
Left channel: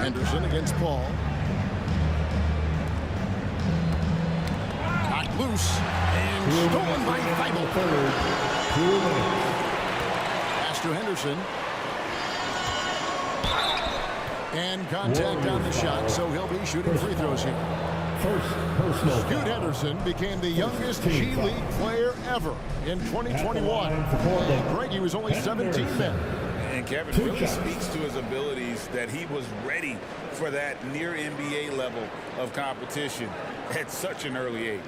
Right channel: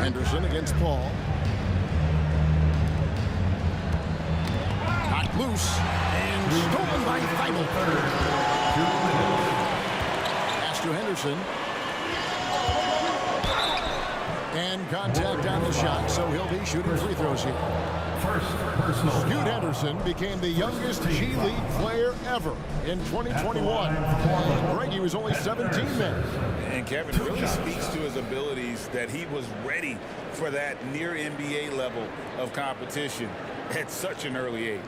Henderson against Paul. Knocked loose and stolen by Thibault. Pass to Henderson. And contact on the shot, so he'll be shooting free throws here. Scoot Henderson became the youngest G League player ever in 2021. And Greg, he was only 17 then. And Kevin really speaks to his abilities that he was ready for that near NBA level of competition at such an early age.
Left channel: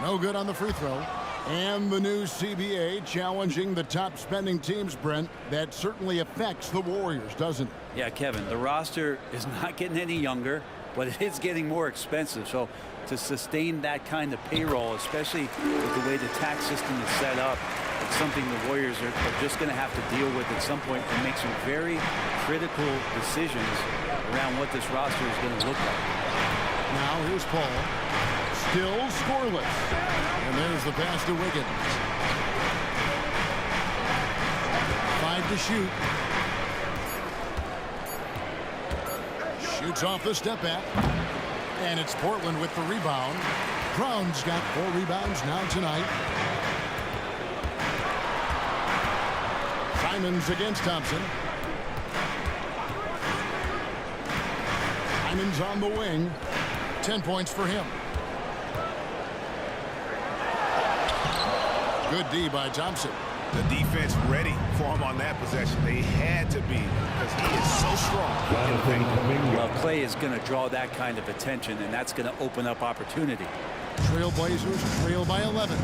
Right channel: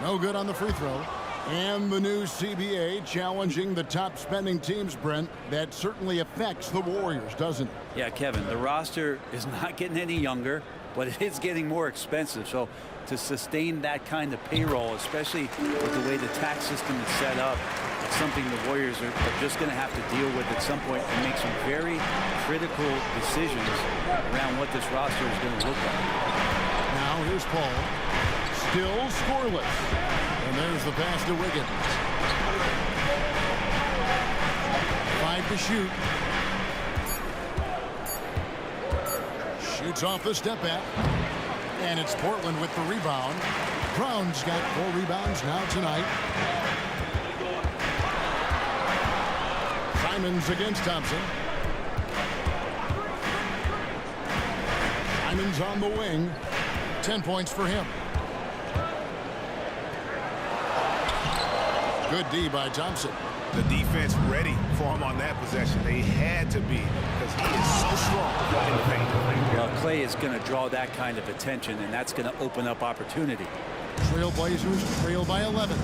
No good on the free throw. And the new CBA challenging the top spending teams, Brent. That certainly affects the Warriors, doesn't it? Yeah, Kevin, the roster is not getting any younger, but it is getting more expensive. So to sustain that kind of payroll, especially with the way the tax system is set up, it's something the Warriors are just going to have to deal with at some point and make some very critical decisions around what this roster is going to look like. Now here's Paul. Still scoreless. And there's the pass to Wiggins. 5 to shoot. Shoots off the step back. And it's Portland with the rebound. Brown's got 4 rebounds now tonight. Simons against Thompson. Simons on the wing. 10 points for him. Good D by Thompson. The defense ready for him on that possession. They had to be because he is so strong in the paint. Well, Clay is going to draw that kind of attention, and that's going to open up opportunity. Trailblazers trail by 11.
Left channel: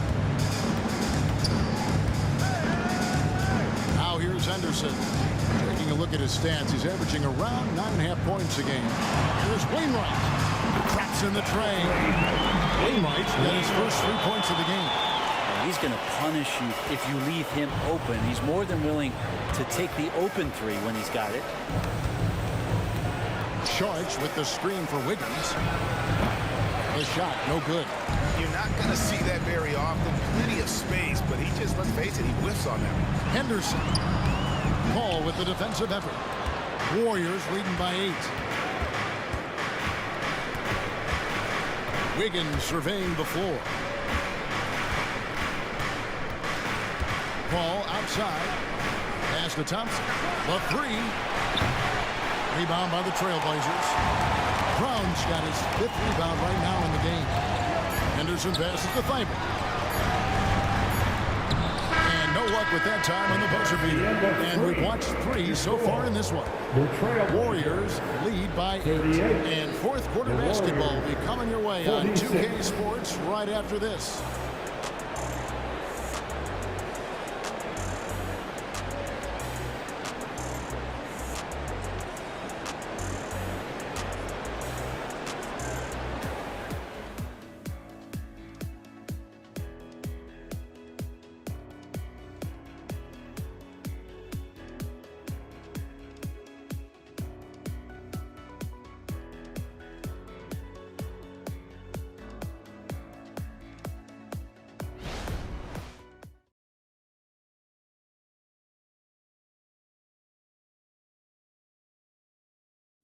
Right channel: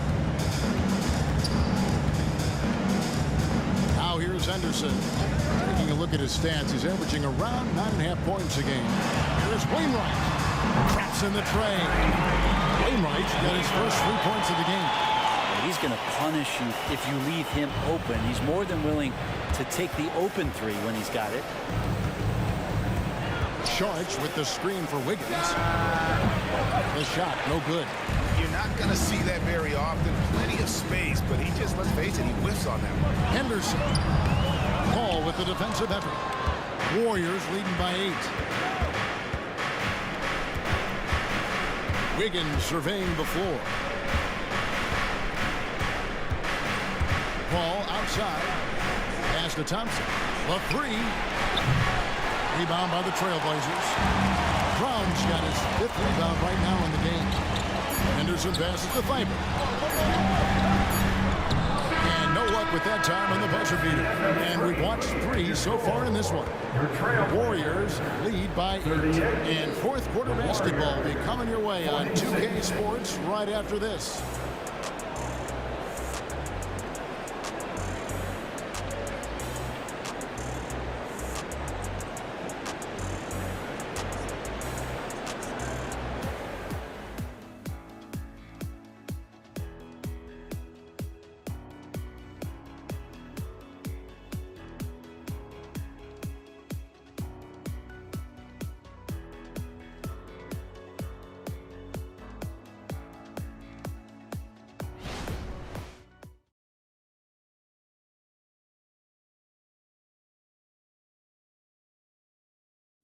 Now here's Henderson. Taking a look at his stats, he's averaging around 9.5 points a game. Here's Wainwright. Traps in the tray. Wainwright's got his first 3 points of the game. He's going to punish you if you leave him open. He's more than willing to take the open 3 when he's got it. Saric with the screen for Wiggins. The shot, no good. You're not going to see that very often. Plenty of space, but he just, let's face it, he whiffs on that one. Henderson. Paul with the defensive effort. Warriors leading by 8. Wiggins surveying the floor. Paul outside. Pass to Thompson. The 3. Rebound by the Trailblazers. Brown's got his 5th rebound right now in the game. Henderson passes to Thibault. And no luck with that time on the buzzer beater. And we've watched 3 so far in this one. Warriors lead by 8. And fourth quarter basketball will be coming your way on 2K Sports right after this.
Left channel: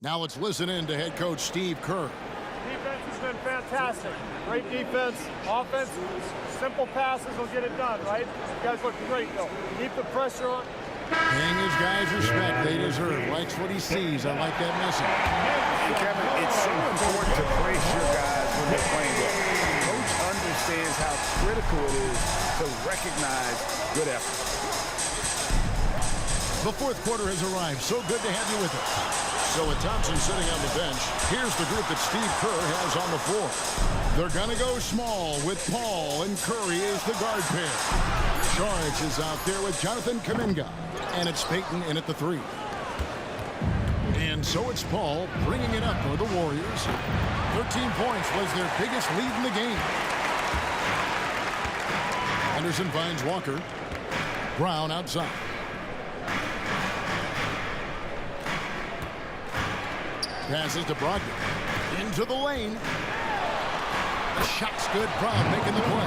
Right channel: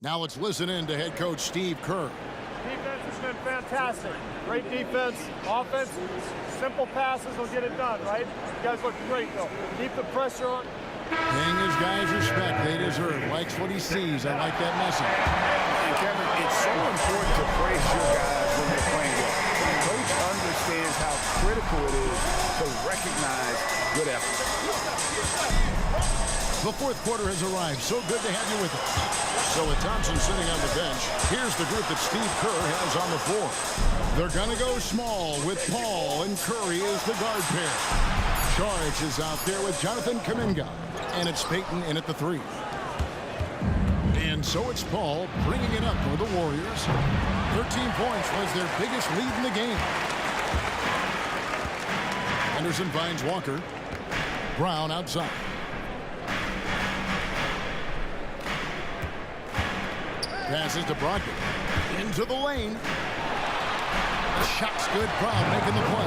Now let's listen in to head coach Steve Kerr. Defense has been fantastic. Great defense. Offense, simple passes will get it done, right? You guys look great, though. Keep the pressure on. Paying his guys respect they deserve. Likes what he sees. I like that message. And Kevin, it's so important to praise your guys when they're playing well. Coach understands how critical it is to recognize good effort. The fourth quarter has arrived. So good to have you with us. So with Thompson sitting on the bench, here's the group that Steve Kerr has on the floor. They're going to go small with Paul and Curry as the guard pair. Charge is out there with Jonathan Kuminga. And it's Payton in at the 3. And so it's Paul bringing it up for the Warriors. 13 points was their biggest lead in the game. Henderson finds Walker. Brown outside. Passes to Brogdon. Into the lane. The shot's good. Brown making the play.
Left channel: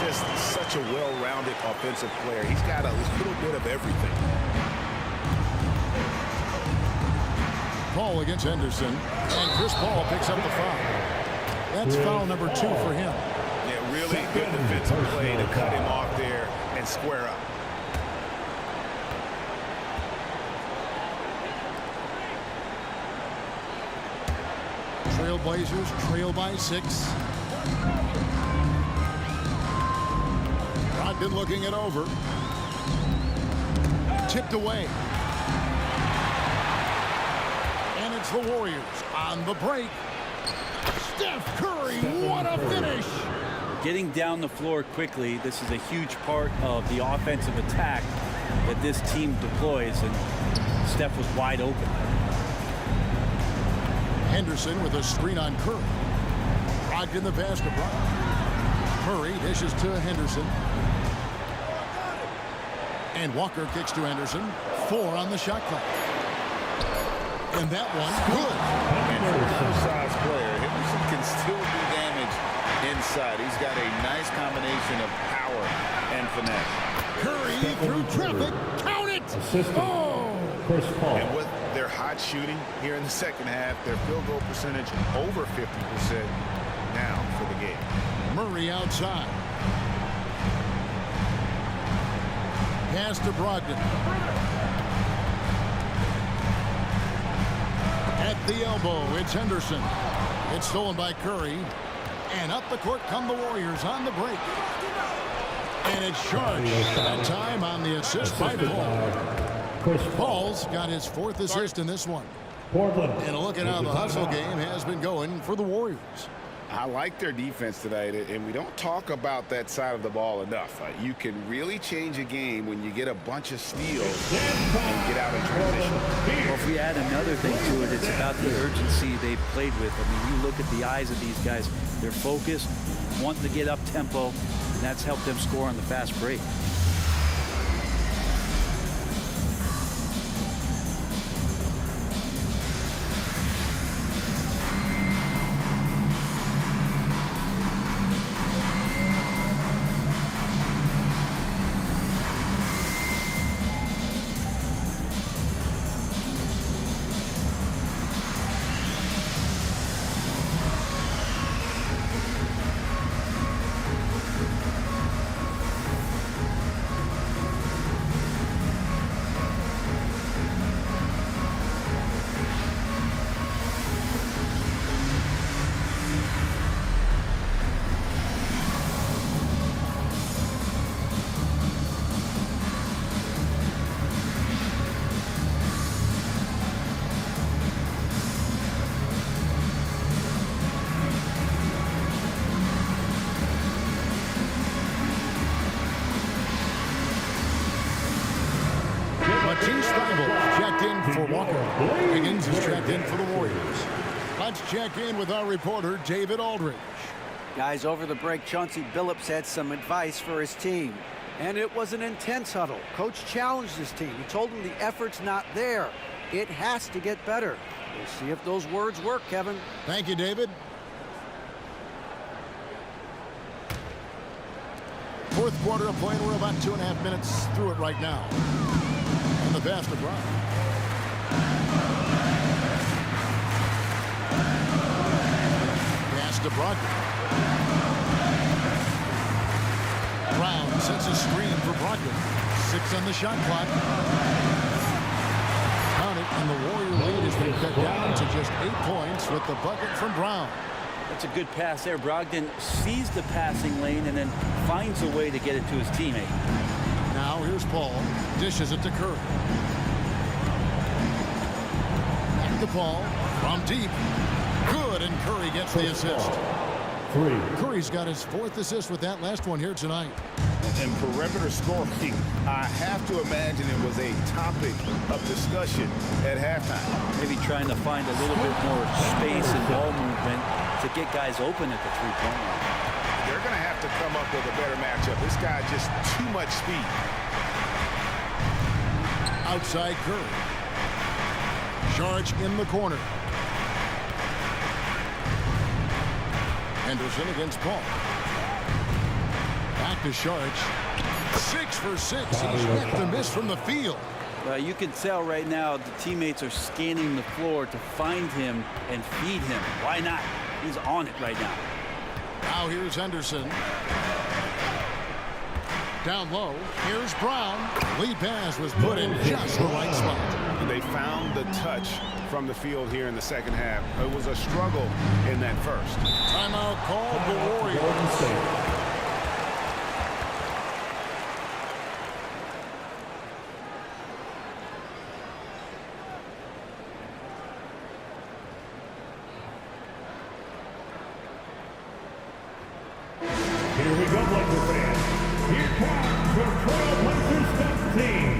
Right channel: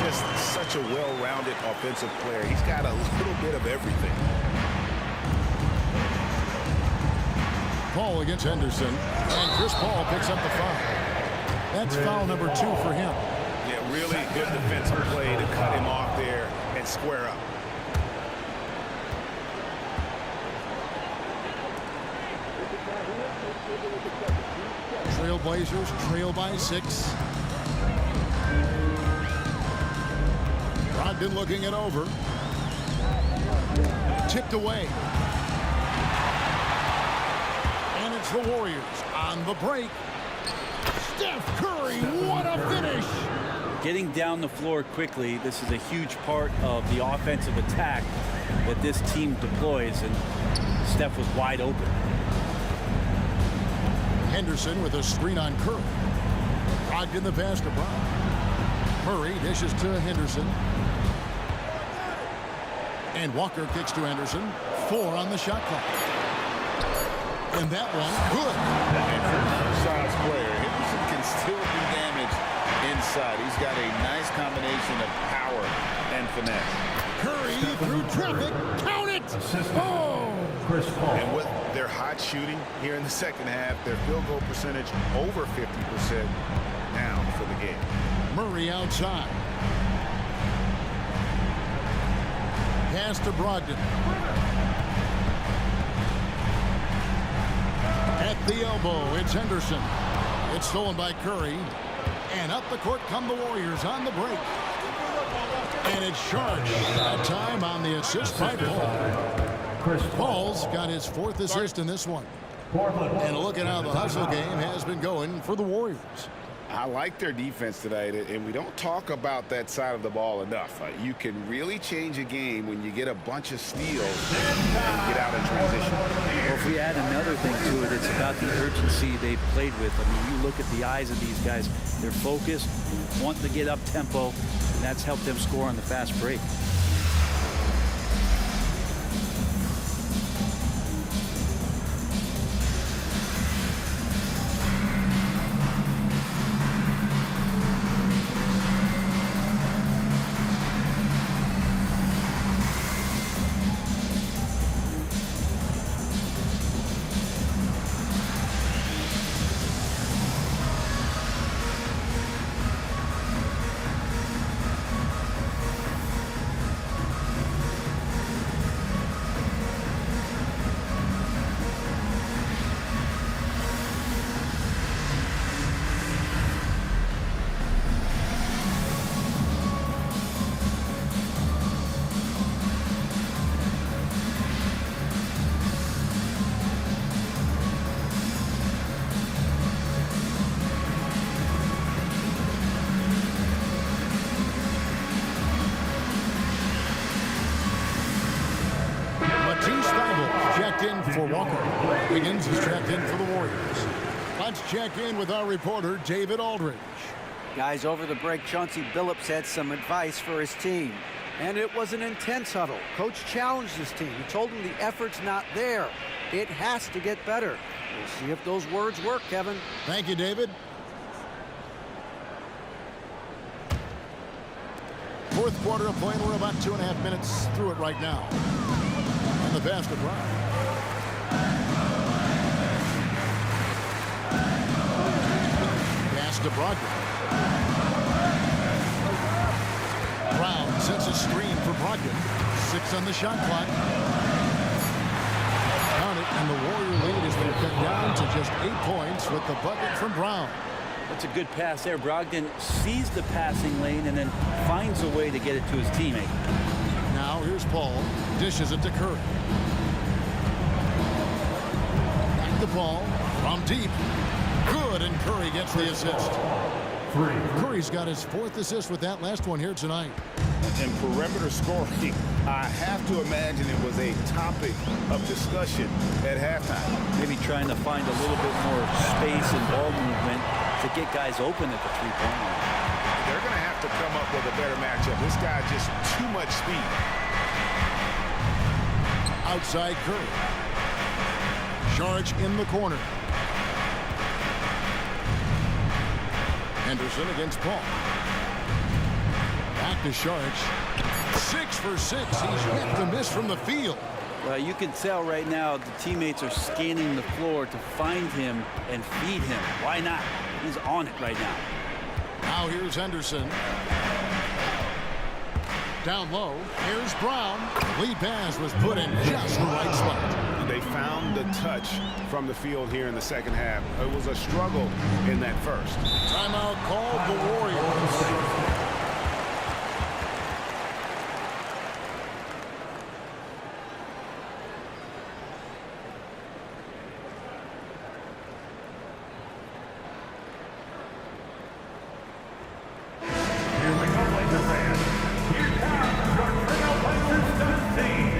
Just such a well-rounded offensive player. He's got a little bit of everything. Paul against Henderson. And Chris Paul picks up the foul. That's foul number 2 for him. Yeah, really good defensive play to cut him off there and square up. Trailblazers trail by 6. Brogdon looking it over. Tipped away. And it's the Warriors on the break. Steph Curry, what a finish! Getting down the floor quickly, this is a huge part of the offensive attack that this team deploys, and Steph was wide open. Henderson with a screen on Curry. Brogdon the pass to Brown. Murray dishes to Henderson. And Walker kicks to Henderson. 4 on the shot clock. And that one, good. And for an undersized player, Henderson can still do damage inside. He's got a nice combination of power and finesse. Curry through traffic. Count it! Oh! Chris Paul. And with their hot shooting here in the second half, their field goal percentage over 50% now for the game. Murray outside. Pass to Brogdon. At the elbow, it's Henderson. It's stolen by Curry. And up the court come the Warriors on the break. And it's Charge. That time on the assist by Paul. Paul's got his 4th assist in this one. And look at how the hustle game has been going for the Warriors. I like their defense tonight, and we don't talk about that side of the ball enough. You can really change a game when you get a bunch of steals and get out in transition. Well, if we add another thing to it, it's about the urgency they've played with. I mean, you look at the eyes of these guys. They're focused, wanting to get up tempo, and that's helped them score on the fast break. Matisse Thybulle checked in for Walker. Higgins is checked in for the Warriors. Let's check in with our reporter, David Aldridge. Guys, over the break, Chauncey Billups had some advice for his team. And it was an intense huddle. Coach challenged his team. He told them the effort's not there. It has to get better. We'll see if those words work, Kevin. Thank you, David. Fourth quarter of play, and we're about 2.5 minutes through it right now. And the pass to Brown. Pass to Brogdon. Brown sets a screen for Brogdon. 6 on the shot clock. Count it, and the Warrior lead has been cut down to just 8 points with the bucket from Brown. That's a good pass there. Brogdon sees the passing lane and then finds a way to get it to his teammate. Now here's Paul. Dishes it to Curry. the ball from deep. Good, and Curry gets the assist. Curry's got his 4th assist with that last one here tonight. And perimeter scoring, I have to imagine it was a topic of discussion at halftime. Maybe trying to find a little bit more space and ball movement to get guys open at the three-point line. They're going to have to come up with a better matchup. This guy just too much speed. Outside Curry. Saric in the corner. Henderson against Paul. Back to Saric. 6 for 6. He's yet to miss from the field. You can tell right now the teammates are scanning the floor to find him and feed him. Why not? He's on it right now. Now here's Henderson. Down low. Here's Brown. The lead pass was put in just the right spot. They found the touch from the field here in the second half. It was a struggle in that first. Timeout called the Warriors. Here we go, Lakers fans. Here comes your Trailblazers stunt team.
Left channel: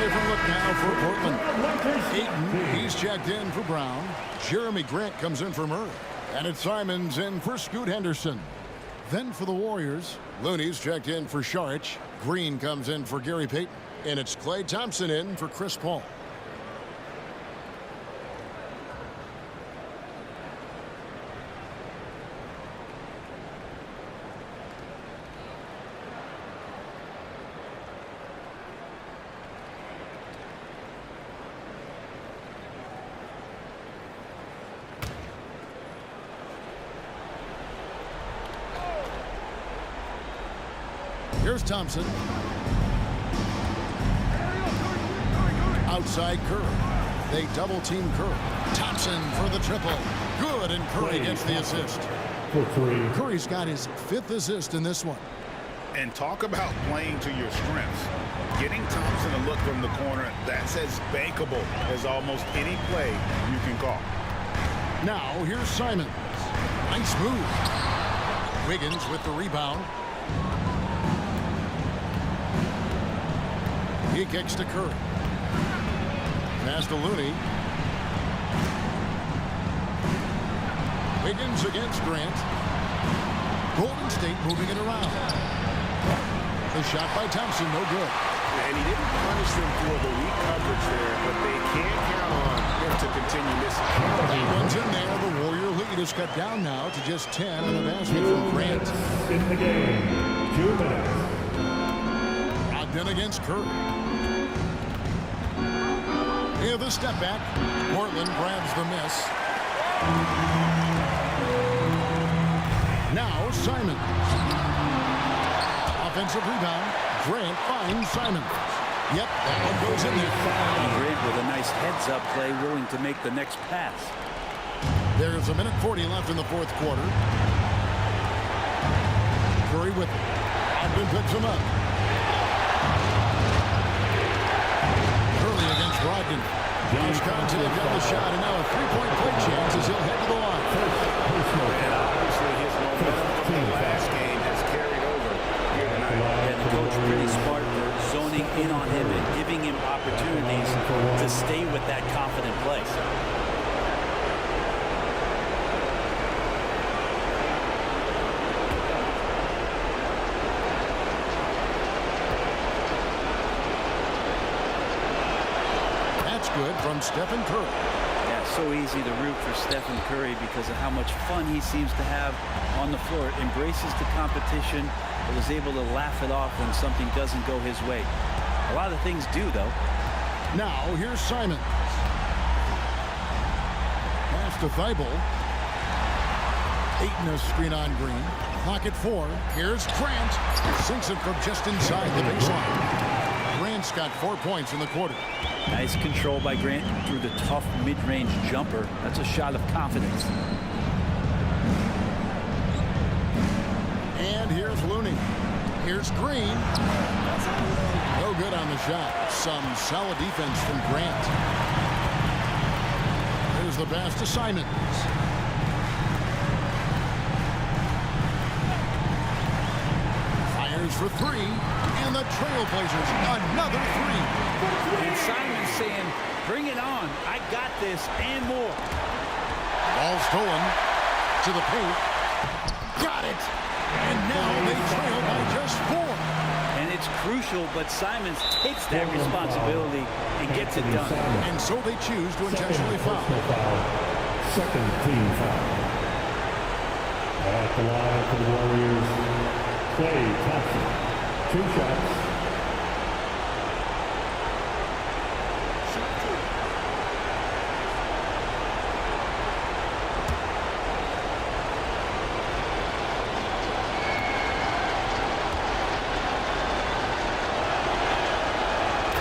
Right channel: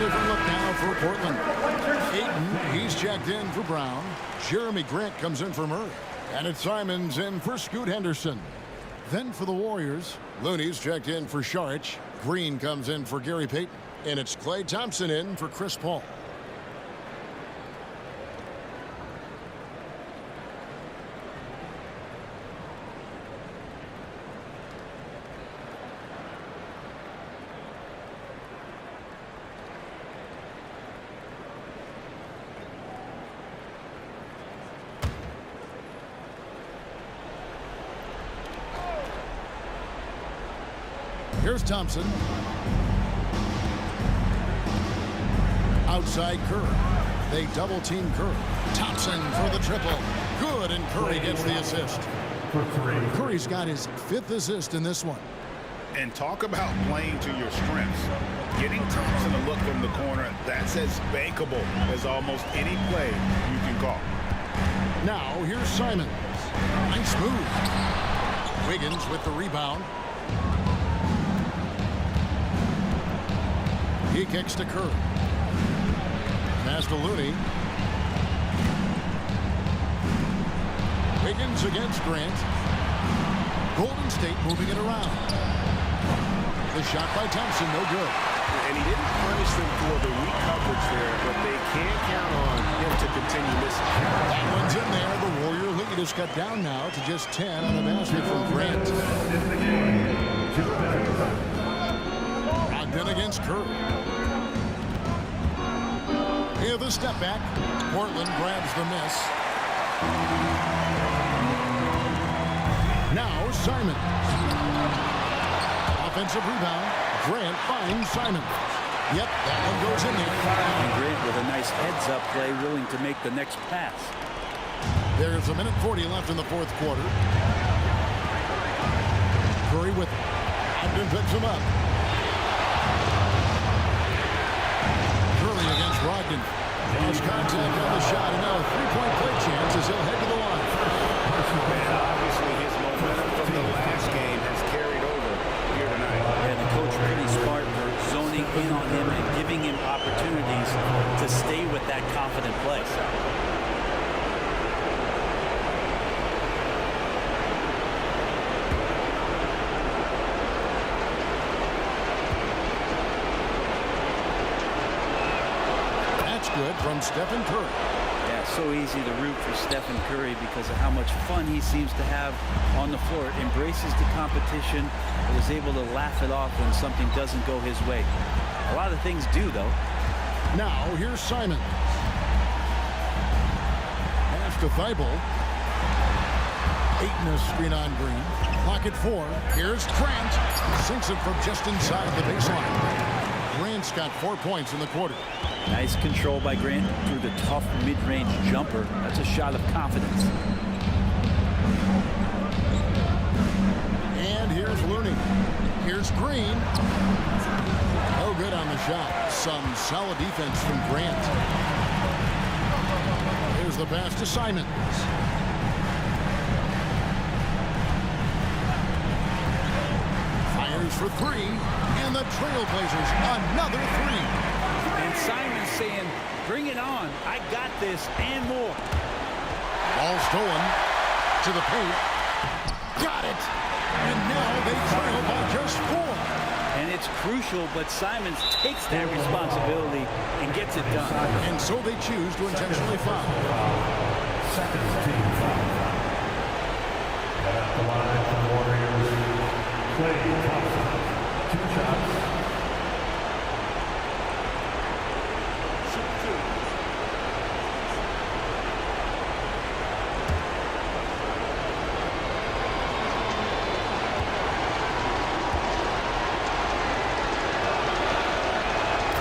Different look now for Portland. Ayton, he's checked in for Brown. Jeremy Grant comes in for Murray. And it's Simons in for Scoot Henderson. Then for the Warriors, Looney's checked in for Saric. Green comes in for Gary Payton. And it's Klay Thompson in for Chris Paul. Here's Thompson. Outside Curry. They double team Curry. Thompson for the triple. Good, and Curry gets the assist. For 3. Curry's got his 5th assist in this one. And talk about playing to your strengths. Getting Thompson a look from the corner, that's as bankable as almost any play you can call. Now here's Simons. Nice move. Wiggins with the rebound. He kicks to Curry. Pass to Looney. Wiggins against Grant. Golden State moving it around. The shot by Thompson, no good. And he didn't punish them for the weak coverage there, but they can't count on him to continue missing. That one's in there. The Warrior lead is cut down now to just 10 on the basket from Grant. In the game, 2 minutes. Ogden against Curry. Here the step back. Portland grabs the miss. Now Simons. Offensive rebound. Grant finds Simons. Yep, that one goes in there. And Grant with a nice heads-up play, willing to make the next pass. There's a minute 40 left in the 4th quarter. Curry with it. Ogden picks him up. Curry against Brogdon. Lost contact on the shot, and now a 3-point play chance as he'll head to the line. And obviously his momentum from from the last game has carried over here tonight. And the coach pretty smart for zoning in on him and giving him opportunities to stay with that confident play. That's good from Stephen Curry. Yeah, so easy to root for Stephen Curry because of how much fun he seems to have on the floor. Embraces the competition, but is able to laugh it off when something doesn't go his way. A lot of things do, though. Now, here's Simons. Pass to Thibault. 8 in a screen on Green. Clock at 4. Here's Grant. Sinks it from just inside the baseline. Grant's got 4 points in the quarter. Nice control by Grant through the tough mid-range jumper. That's a shot of confidence. And here's Looney. Here's Green. No good on the shot. Some solid defense from Grant. Here's the pass to Simons. Fires for 3. And the Trailblazers another 3. And Simons saying, bring it on. I got this and more. Ball stolen to the paint. Got it. And now they trail by just 4. And it's crucial, but Simons takes that responsibility and gets it done. And so they choose to intentionally foul. Second team foul. At the line for the Warriors, Klay Thompson. 2 shots.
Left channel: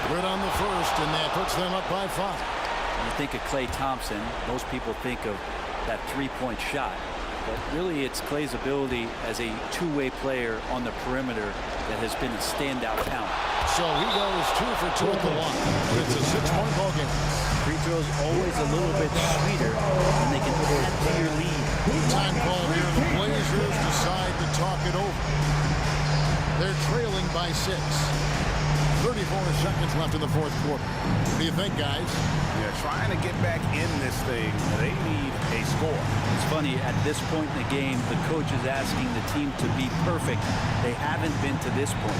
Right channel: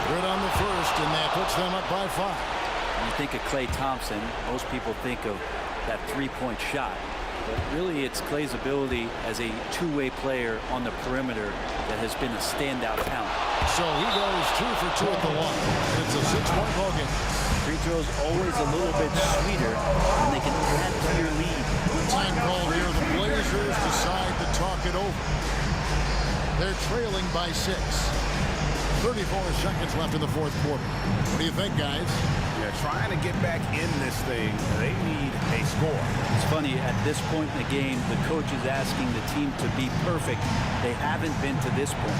Good on the first, and that puts them up by 5. When you think of Klay Thompson, most people think of that three-point shot. But really, it's Klay's ability as a two-way player on the perimeter that has been a standout talent. So he goes 2 for 2 at the line. And it's a 6-point ball game. Free throws always a little bit sweeter when they can add to your lead. Time call here. The Blazers decide to talk it over. They're trailing by 6. 34 seconds left in the fourth quarter. What do you think, guys? Yeah, trying to get back in this thing, they need a score. It's funny, at this point in the game, the coach is asking the team to be perfect. They haven't been to this point.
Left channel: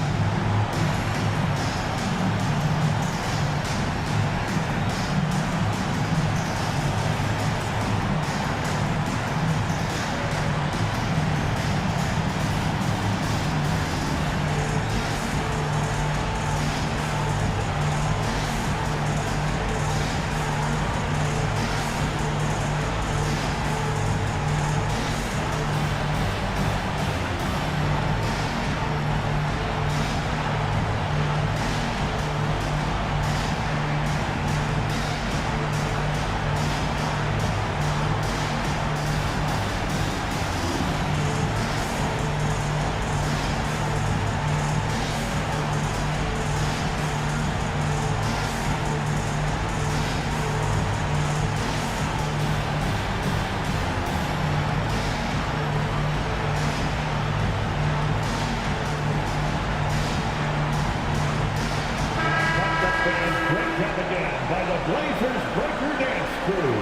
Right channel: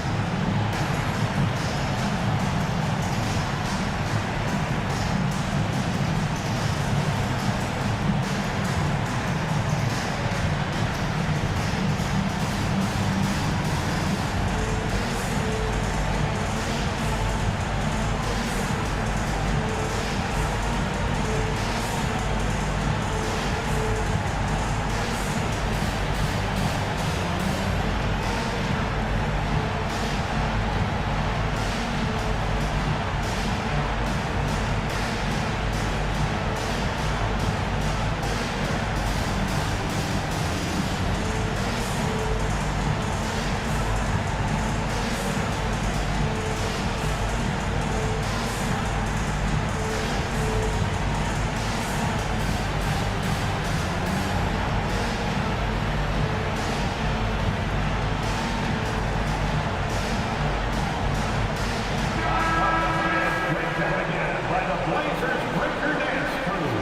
By the Blazers Breaker Dance Crew.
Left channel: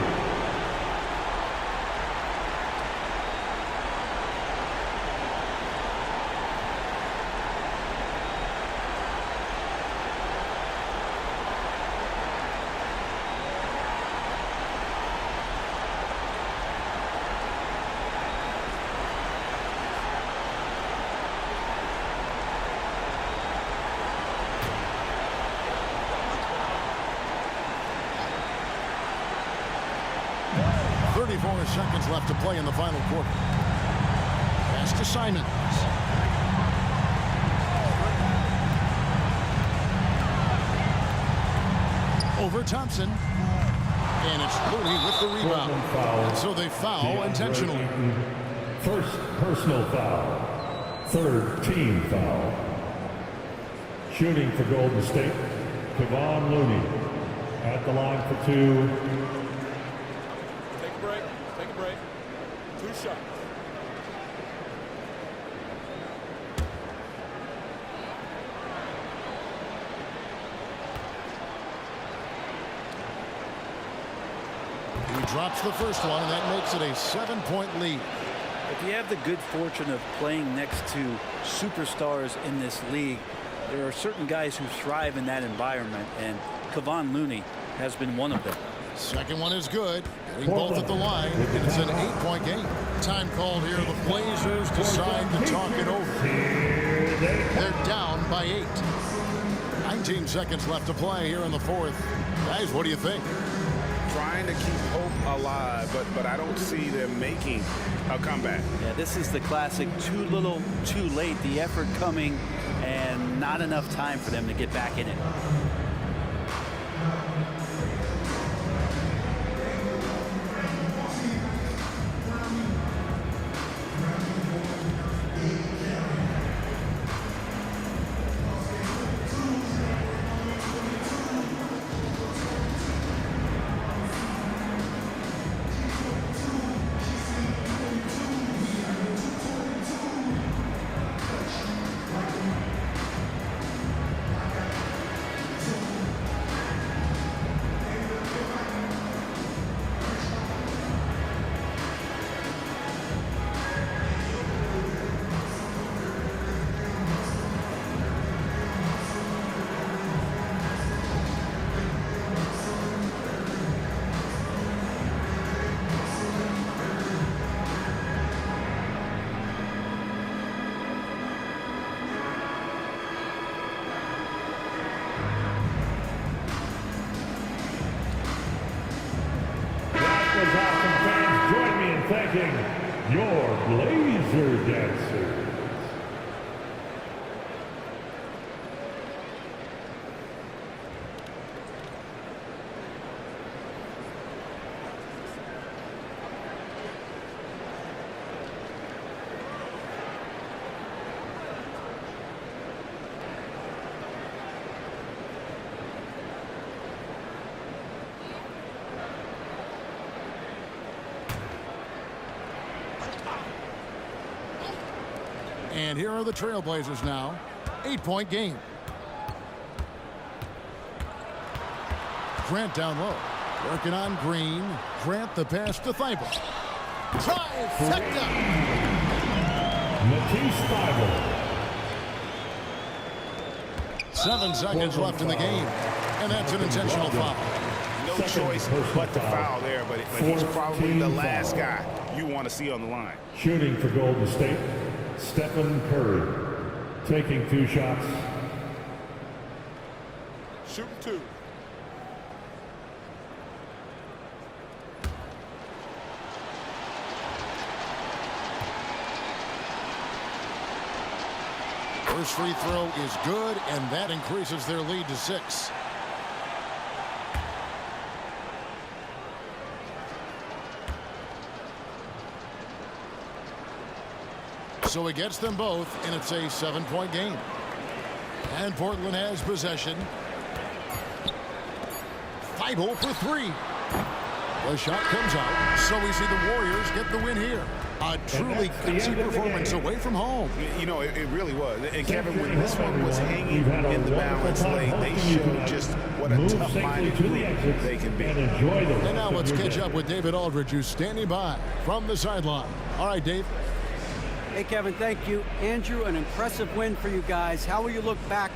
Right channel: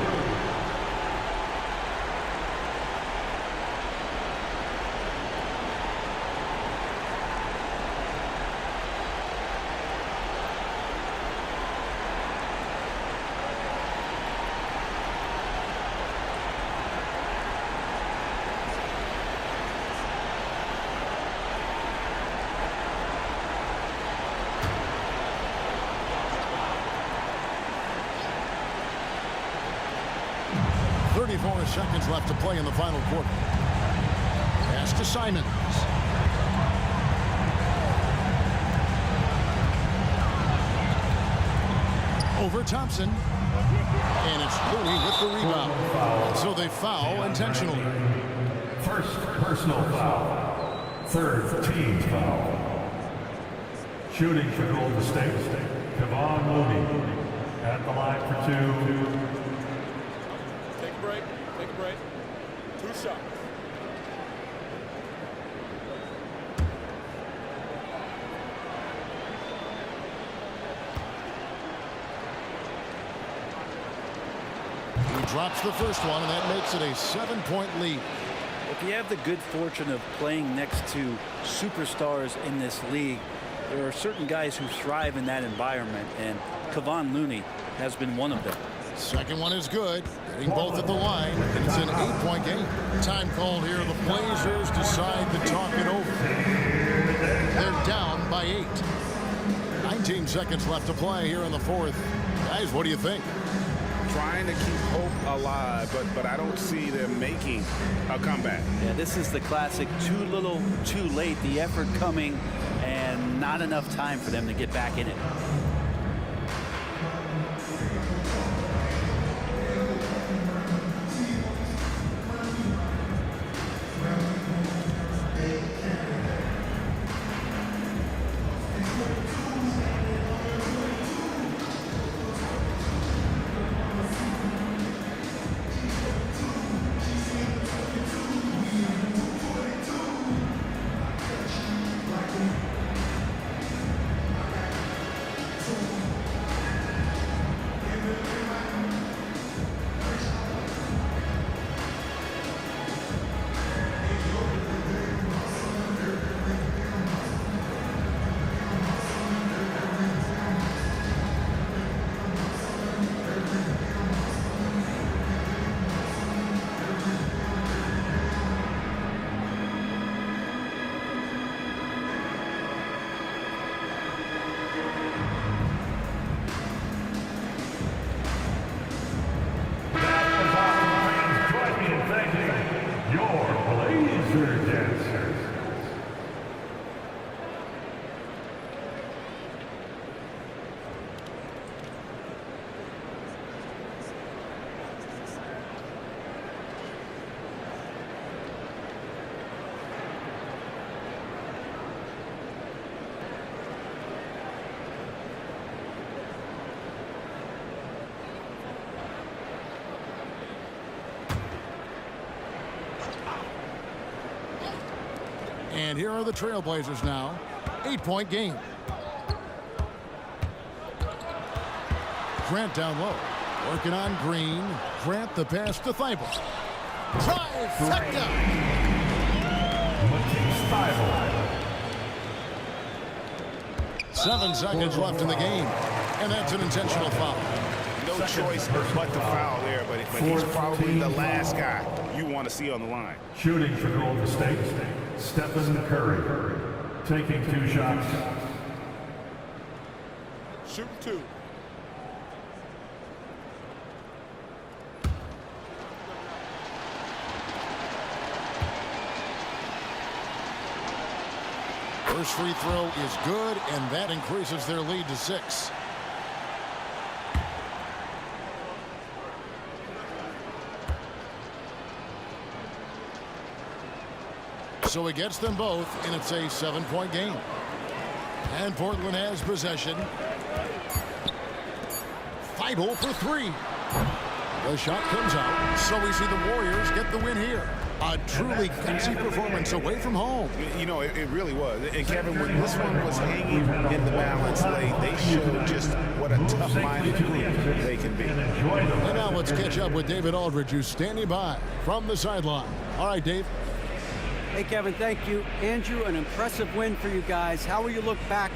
.34 seconds left to play in the final quarter. Pass to Simons. Over Thompson. And it's Looney with the rebound. And so they foul intentionally. First personal foul. Third team foul. Shooting for Golden State, Kevon Looney. At the line for 2. Take a break. 2 shots. Drops the first one, and that makes it a 7-point lead. If you have the good fortune of playing next to superstars in this league, there are certain guys who thrive in that environment, and Kevon Looney has been one of them. Second one is good. Getting both at the line, and it's an 8-point game. Time called here. The Blazers decide to talk it over. They're down by 8. 19 seconds left to play here in the fourth. Guys, what do you think? Trying to keep hope alive, but I don't see them making a comeback. Yeah, this is the classic too little, too late. The effort coming and not enough time for them to get back in it. Join me in thanking your Blazer dancers. And here are the Trailblazers now. 8-point game. Grant down low. Working on Green. Grant the pass to Thibault. Trifecta! Matisse Thybulle. 7 seconds left in the game. And that's an intentional foul. No choice but to foul there, but he's probably the last guy you want to see on the line. Shooting for Golden State, Stephen Curry. Taking 2 shots. Shooting 2. First free throw is good, and that increases their lead to 6. So he gets them both, and it's a 7-point game. And Portland has possession. Thibault for 3. The shot comes out, so we see the Warriors get the win here. A truly gutsy performance away from home. You know, it really was. And Kevin, when this one was hanging in the balance late, they showed just what a tough-minded group they can be. And now let's catch up with David Aldridge, who's standing by from the sideline. All right, Dave. Hey, Kevin, thank you. Andrew, an impressive win for you guys. How will you look back